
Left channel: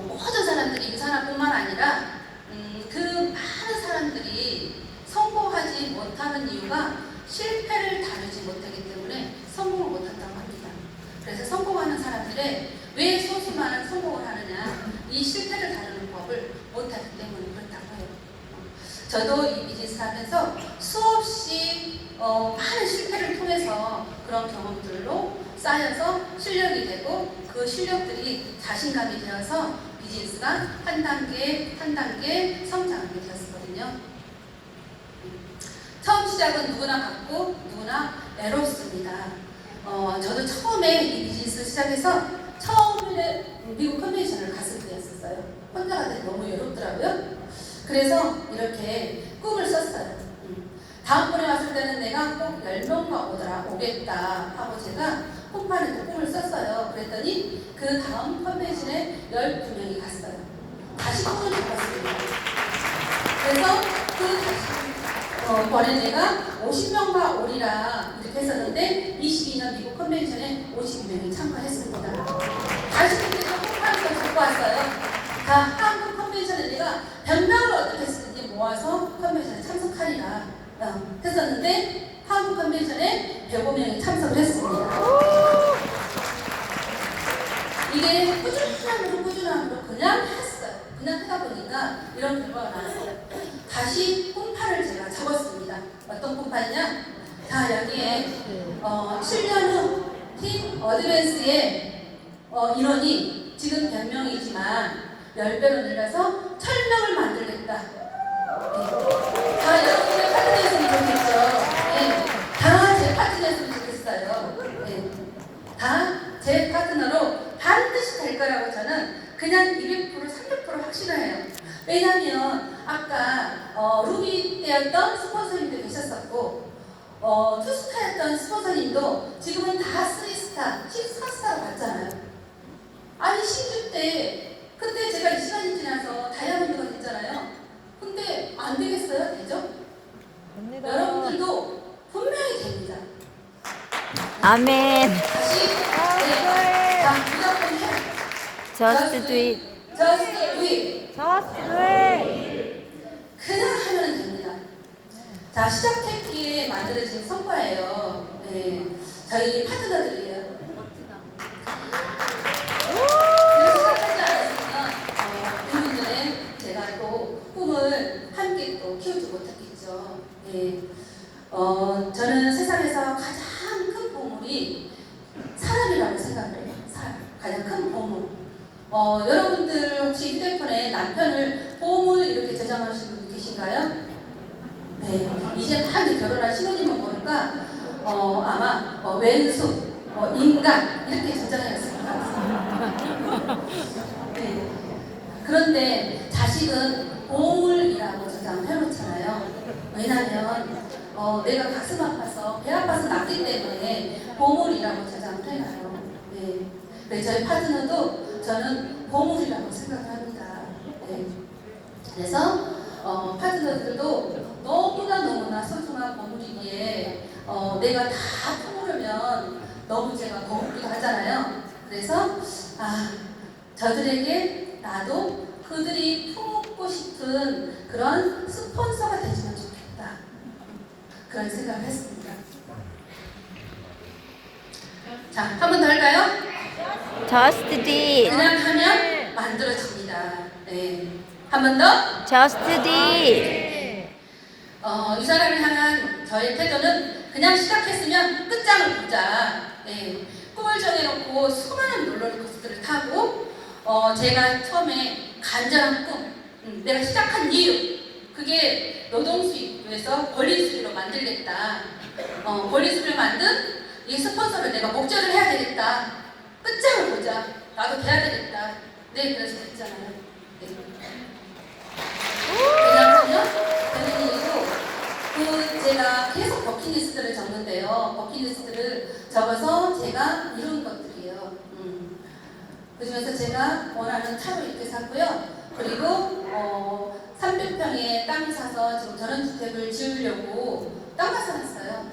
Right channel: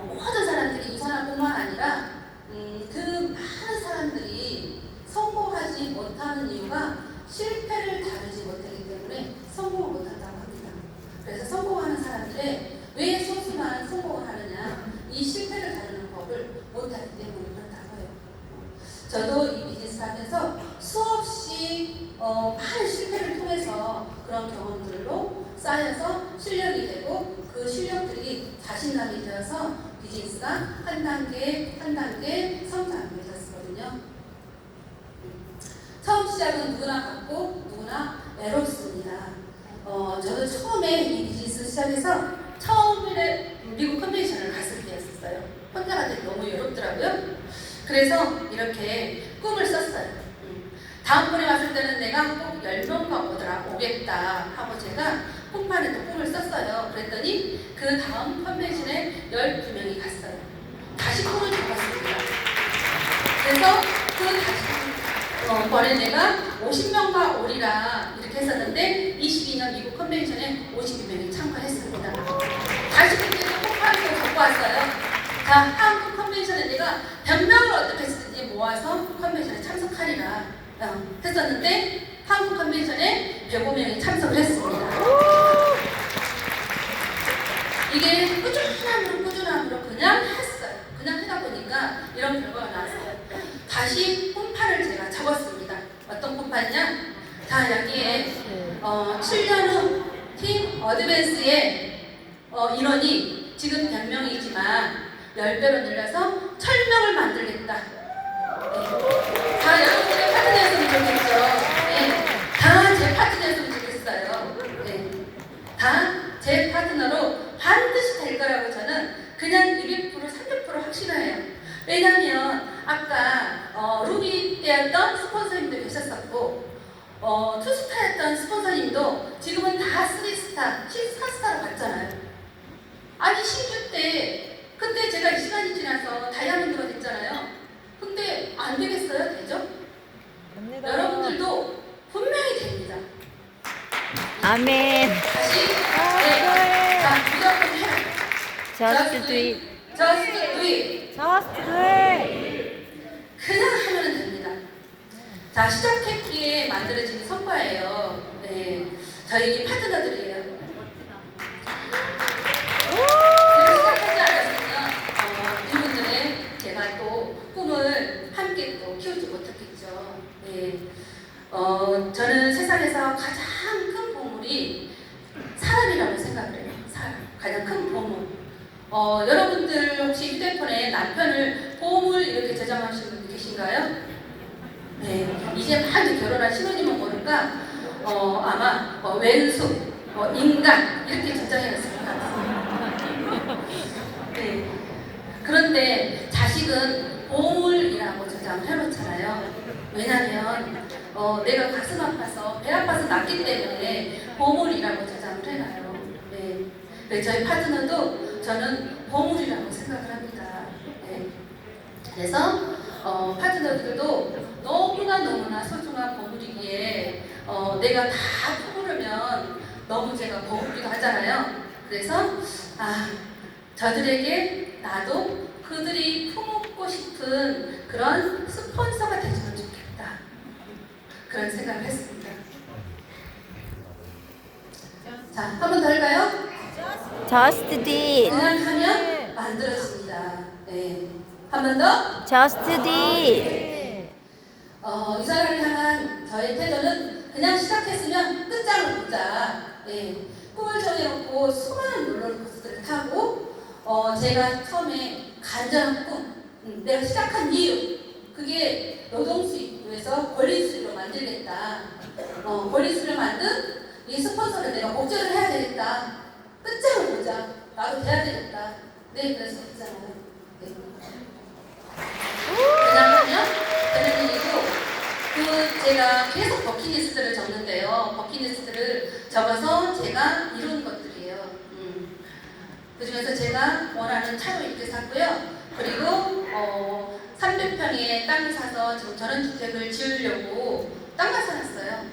모든 사람들이 유산화뿐만 아니라 그 많은 사람들이 성공하지 못하는 이유가 실패를 다루지 못하기 때문에 성공을 못한다고 합니다. 그래서 성공하는 사람들의 왜 소수만은 성공을 하느냐, 이 실패를 다루는 법을 못하기 때문에 그렇다고 해요. 저도 이 비즈니스 하면서 수없이 많은 실패를 통해서 그런 경험들로 쌓여서 실력이 되고, 그 실력들이 자신감이 되어서 비즈니스가 한 단계 한 단계 성장하게 되었거든요. 처음 시작은 누구나 같고 누구나 외롭습니다. 저도 처음에 이 비즈니스 시작해서 처음에 미국 컨벤션을 갔을 때였어요. 혼자가 되기 너무 외롭더라고요. 그래서 이렇게 꿈을 썼어요. 다음번에 왔을 때는 내가 꼭 10명만 오겠다 하고 제가 홈판에 또 꿈을 썼어요. 그랬더니 그 다음 컨벤션에 12명이 갔어요. 다시 꿈을 잡았습니다. 그래서 그 다시 번에 내가 50명과 오리라 이렇게 했었는데 22년 미국 컨벤션에 52명이 참가했습니다. 다시 그때 홈판을 또 갖고 왔어요. 자, 한국 컨벤션에 내가 100명을 어떻게 했든지 모아서 컨벤션에 참석하리라 했었는데 한국 컨벤션에 105명이 참석을 했습니다. 이게 꾸준함으로 그냥 했어요. 그냥 하다 보니까 이런 결과가 나왔어요. 다시 홈판을 제가 적었습니다. 어떤 홈판이냐? 자, 여기에 7년 후 팀 어드밴스의 인원이 지금 100명이지만 10배로 늘려서 1000명을 만들겠다. 네. 다 여러분의 파트너였으면 좋겠죠. 네. 다 제 파트너였으면 좋겠어요. 네. 다 제 파트너로 반드시 될 거라고 저는 그냥 200%, 300% 확신해요. 왜냐면 아까 루비 때였던 스폰서님도 계셨었고 투스타였던 스폰서님도 지금은 다 3스타, 14스타로 갔잖아요. 아니 16대 그때 제가 이 시간이 지나서 다이아몬드가 됐잖아요. 근데 안 되겠어요? 되죠? 여러분들도 분명히 됩니다. 아멘. 다시 네. 자, 무조건 해. Just do it. Just do it. Just do it. 그냥 하면 됩니다. 자, 시작했기에 만들어진 성과예요. 네. 저희 파트너들이에요. 그래서 시작하지 않았으면 이분들의 제가 또 꿈을 함께 또 키우지 못했겠죠. 네. 저는 세상에서 가장 큰 보물이 사람이라고 생각을 해요. 사람. 가장 큰 보물. 여러분들 혹시 휴대폰에 남편을 보물 이렇게 저장하시는 분 계신가요? 네. 이제 막 결혼한 신혼이면 모를까 아마 왼수, 인간 이렇게 저장해놨을 것 같아요. 네. 그런데 자식은 보물이라고 저장을 해놓잖아요. 왜냐하면 내가 가슴 아파서 배 아파서 낳기 때문에 보물이라고 저장을 해놔요. 네. 네, 저희 파트너도 저는 보물이라고 생각을 합니다. 네. 그래서 파트너들도 너무나 소중한 보물이기에 내가 다 품으려면 너무 제가 버겁기도 하잖아요. 그래서 저들에게 나도 그들이 품고 싶은 그런 스폰서가 되주면 좋겠다. 그런 생각을 했습니다. 자, 한 번 더 할까요? Just do it. 그냥 하면 만들어집니다. 네. 한 번 더. Just do it. 이 사람을 향한 저의 태도는 그냥 시작했으면 끝장을 보자. 네. 꿈을 정해놓고 수많은 롤러코스터를 타고 제가 처음에 간절한 꿈, 내가 시작한 이유 그게 노동수입에서 권리수입으로 만들겠다. 권리수입을 만든 이 스폰서를 내가 목적을 해야 되겠다. 끝장을 보자. 나도 돼야 되겠다. 네, 그래서 했잖아요. 네. 그냥 하면 되는 일이고 제가 계속 버킷리스트를 적는데요. 버킷리스트를 적어서 제가 이룬 것들이에요. 그중에서 제가 원하는 차로 이렇게 샀고요. 그리고 300평의 땅을 사서 지금 전원주택을 지으려고 땅을 사놨어요.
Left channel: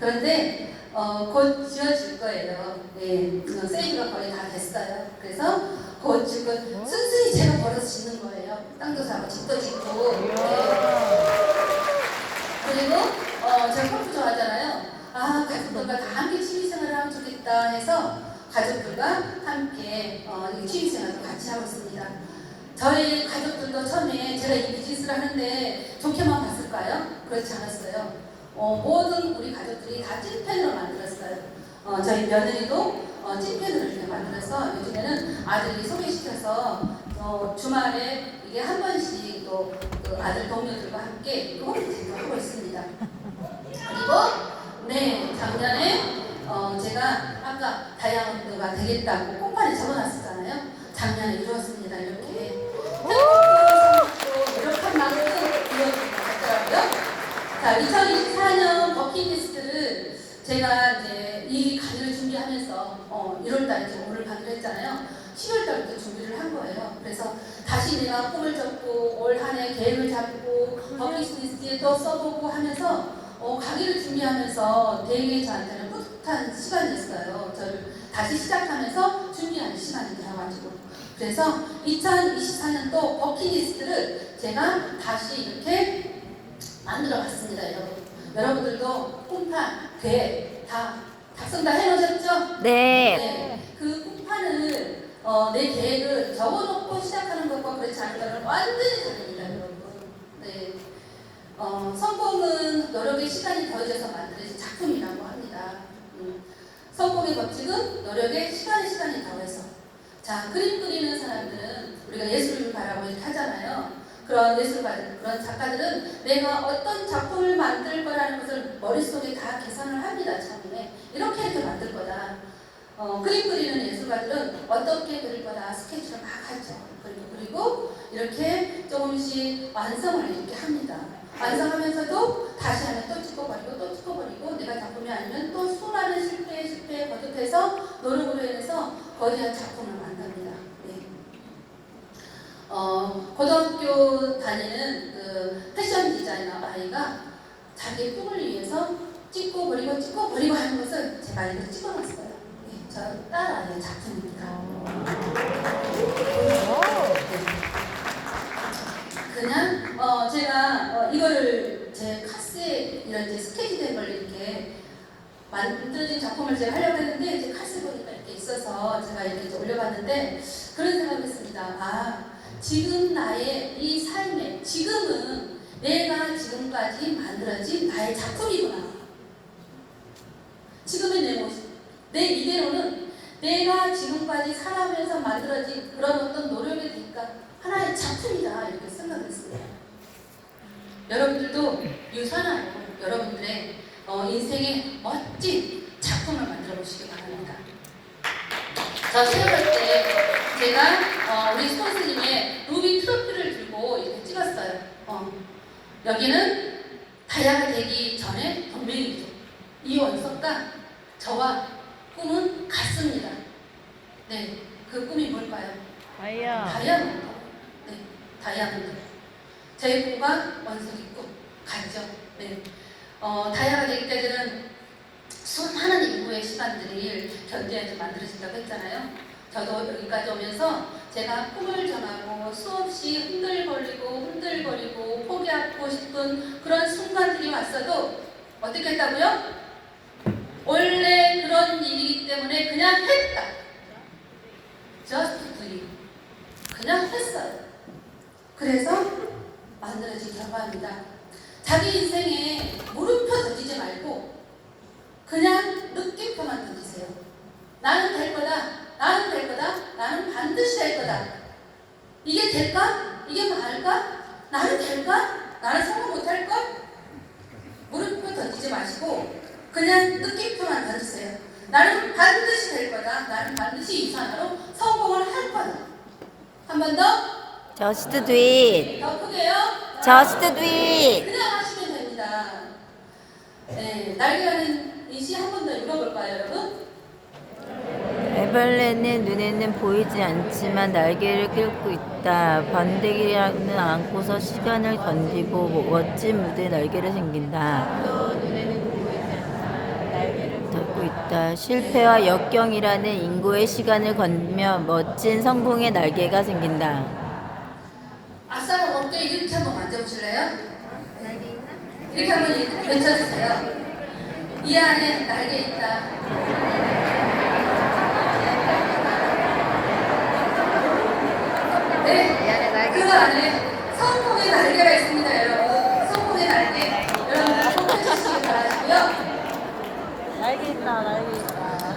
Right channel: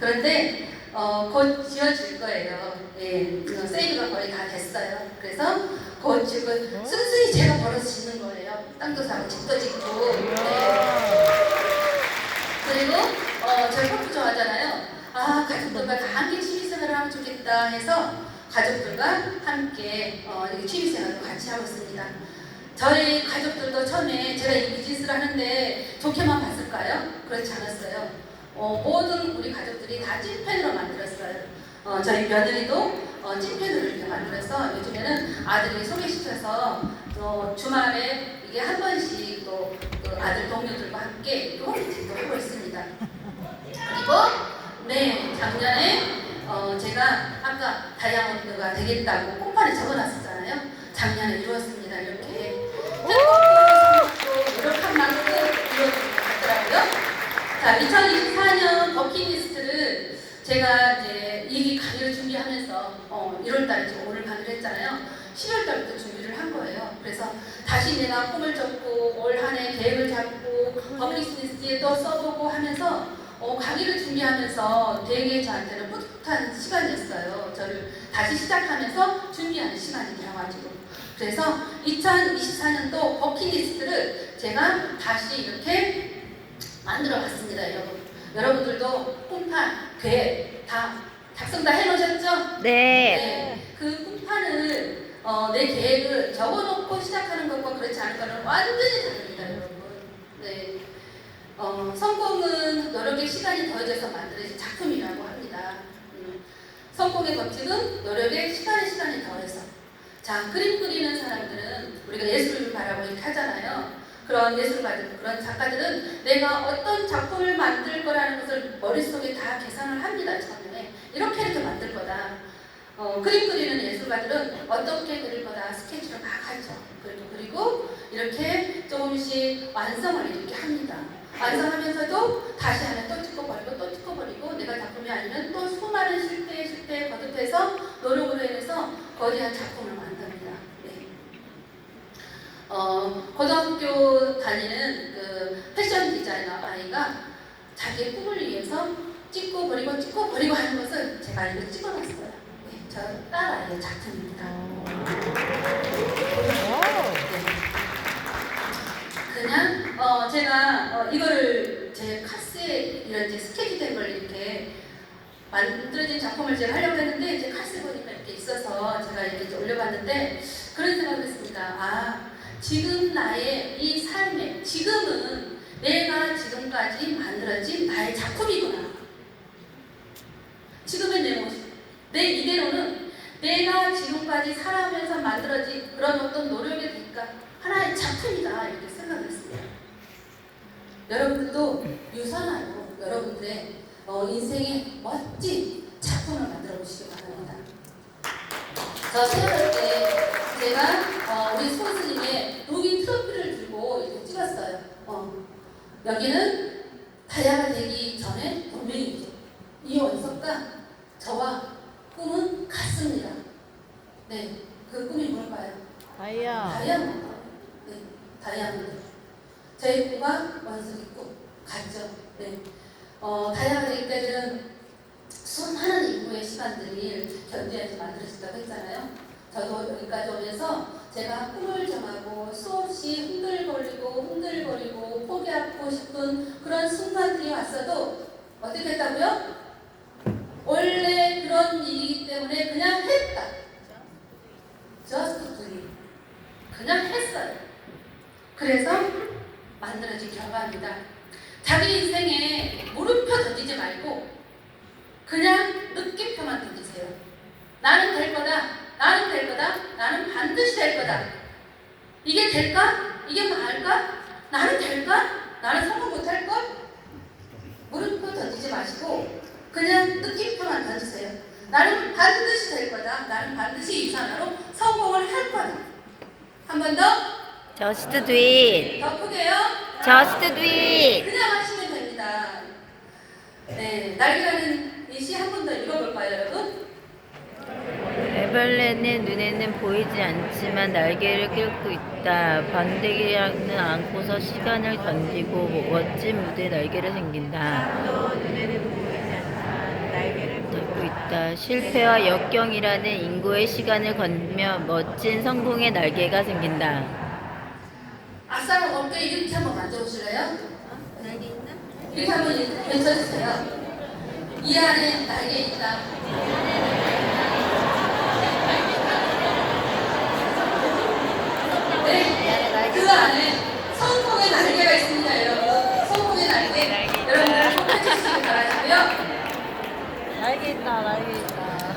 그런데 곧 지어질 거예요. 네, 세일가 거의 다 됐어요. 그래서 곧 지금 순순히 제가 벌어서 짓는 거예요. 땅도 사고 집도 짓고. 네. 그리고 저희 커피 좋아하잖아요. 가족들과 다 함께 취미생활을 하면 좋겠다 해서 가족들과 함께 취미생활도 같이 하고 있습니다. 저희 가족들도 처음에 제가 이 비즈니스를 하는데 좋게만 봤을까요? 그렇지 않았어요. 모든 우리 가족들이 다 찐팬으로 만들었어요. 저희 며느리도 찐팬으로 이렇게 만들어서 요즘에는 아들이 소개시켜서 주말에 이게 한 번씩 또 그 아들 동료들과 함께 홈미팅도 하고 있습니다. 그리고 네, 작년에 제가 아까 다이아몬드가 되겠다고 홈판에 적어놨었잖아요. 작년에 이루었습니다. 이렇게 행복도 노력한 만큼 이루어진 것 같더라고요. 자, 2024년 버킷리스트를 제가 이제 이 강의를 준비하면서 1월달에 오늘 강의를 했잖아요. 10월달부터 준비를 한 거예요. 그래서 다시 내가 꿈을 접고 올 한 해 계획을 잡고 버킷리스트에도 써보고 하면서 강의를 준비하면서 되게 저한테는 뿌듯한 시간이었어요. 저를 다시 시작하면서 준비하는 시간이 되어가지고. 그래서 2024년도 버킷리스트를 제가 다시 이렇게 만들어 봤습니다, 여러분. 여러분들도 꿈판, 계획 다 작성 다 해놓으셨죠? 네. 그 꿈판을 내 계획을 적어놓고 시작하는 것과 그렇지 않은 거는 완전히 다릅니다, 여러분. 네. 성공은 노력의 시간이 더해져서 만들어진 작품이라고 합니다. 성공의 법칙은 노력의 시간이 더해서. 자, 그림 그리는 사람들은 우리가 예술을 바라고 이렇게 하잖아요. 그런 예술가들, 그런 작가들은 내가 어떤 작품을 만들 거라는 것을 머릿속에 다 계산을 합니다. 처음에 이렇게 만들 거다. 그림 그리는 예술가들은 어떻게 그릴 거다 스케치를 막 하죠. 그리고 이렇게 조금씩 완성을 이렇게 합니다. 완성하면서도 다시 하면 또 찍어버리고 내가 작품이 아니면 또 수많은 실패에 거듭해서 노력으로 인해서 거대한 작품을 만듭니다. 네. 고등학교 다니는 그 패션 디자이너 아이가 자기의 꿈을 위해서 찍고 버리고 하는 것을 제가 이렇게 찍어놨어요. 네, 저 딸아이의 작품입니다. 그냥 제가 이거를 제 카스에 이런 이제 스케치된 걸 이렇게 만들어진 작품을 제가 하려고 했는데 이제 카스 보니까 이렇게 있어서 제가 이렇게 올려봤는데 그런 생각을 했습니다. 아, 지금 나의 이 삶에 지금은 내가 지금까지 만들어진 나의 작품이구나. 지금의 내 모습, 내 이대로는 내가 지금까지 살아가면서 만들어진 그런 어떤 노력의 대가 하나의 작품이다 이렇게 생각했습니다. 여러분들도 유산하여 여러분들의 인생의 멋진 작품을 만들어 보시기 바랍니다. 저 생각할 때 제가 우리 스폰서님의 루비 트로피를 들고 이렇게 찍었어요. 여기는 다이아가 되기 전에 동맹이죠. 이원석과 저와 꿈은 같습니다. 네, 그 꿈이 뭘까요? 다이아몬드. 네, 다이아몬드. 제 꿈과 원석이 꿈 같죠. 네. 다이아가 되기까지는 수많은 인구의 시간들이 견제해서 만들어진다고 했잖아요. 저도 여기까지 오면서 제가 꿈을 정하고 수없이 흔들거리고 포기하고 싶은 그런 순간들이 왔어도 어떻게 했다고요? 원래 그런 일이기 때문에 그냥 했다. Just do it. 그냥 했어요. 그래서 만들어진 결과입니다. 자기 인생에 물음표 던지지 말고 그냥 느낌표만 던지세요. 나는 될 거다. 나는 반드시 될 거다. 이게 될까? 이게 말까? 나는 될까? 나는 성공 못할 것? 물음표 던지지 마시고 그냥 느낌표만 던지세요. 나는 반드시 될 거다. 나는 반드시 이 산화로 성공을 할 거다. 한 번 더. Just do it. 더 크게요. Just do it. 그냥 하시면 됩니다. 네, 날개라는 이 시 한 번 더 읽어볼까요, 여러분? 에벌렌의 눈에는 보이지 않지만 날개를 끌고 있다. 번데기는 안고서 시간을 던지고 멋진 무대에 날개를 생긴다. 들고 있다. 실패와 역경이라는 인고의 시간을 건며 멋진 성공의 날개가 생긴다. 아싸 어깨 이렇게 한번 만져보실래요? 이렇게 한번 외쳐주세요. 이 안에 날개 있다. 네, 그 안에 성공의 날개가 있습니다, 여러분. 성공의 날개. 여러분들 꼭 해주시기 바라고요. 날개 있다.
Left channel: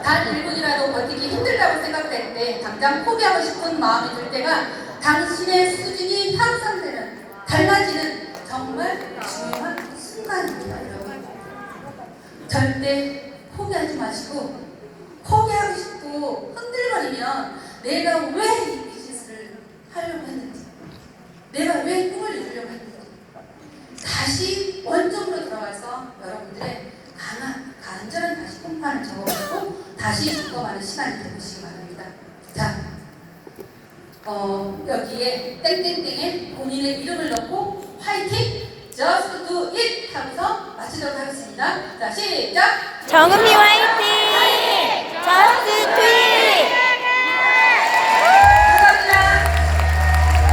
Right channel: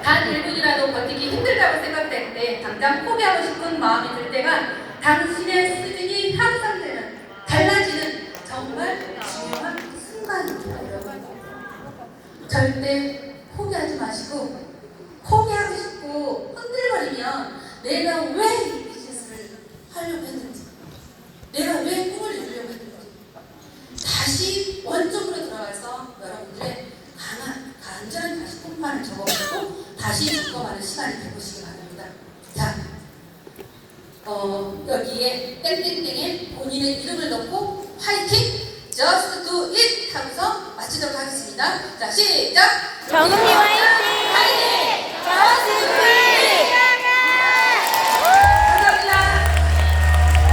단 1분이라도 버티기 힘들다고 생각될 때 당장 포기하고 싶은 마음이 들 때가 당신의 수준이 향상되는, 달라지는 정말 중요한 순간입니다, 여러분. 절대 포기하지 마시고 포기하고 싶고 흔들거리면 내가 왜 다시 죽어가는 시간이 되보시기 바랍니다. 자, 여기에 땡땡땡에 본인의 이름을 넣고 화이팅! Just do it! 하고서 마치도록 하겠습니다. 자, 시작! 정은미 화이팅!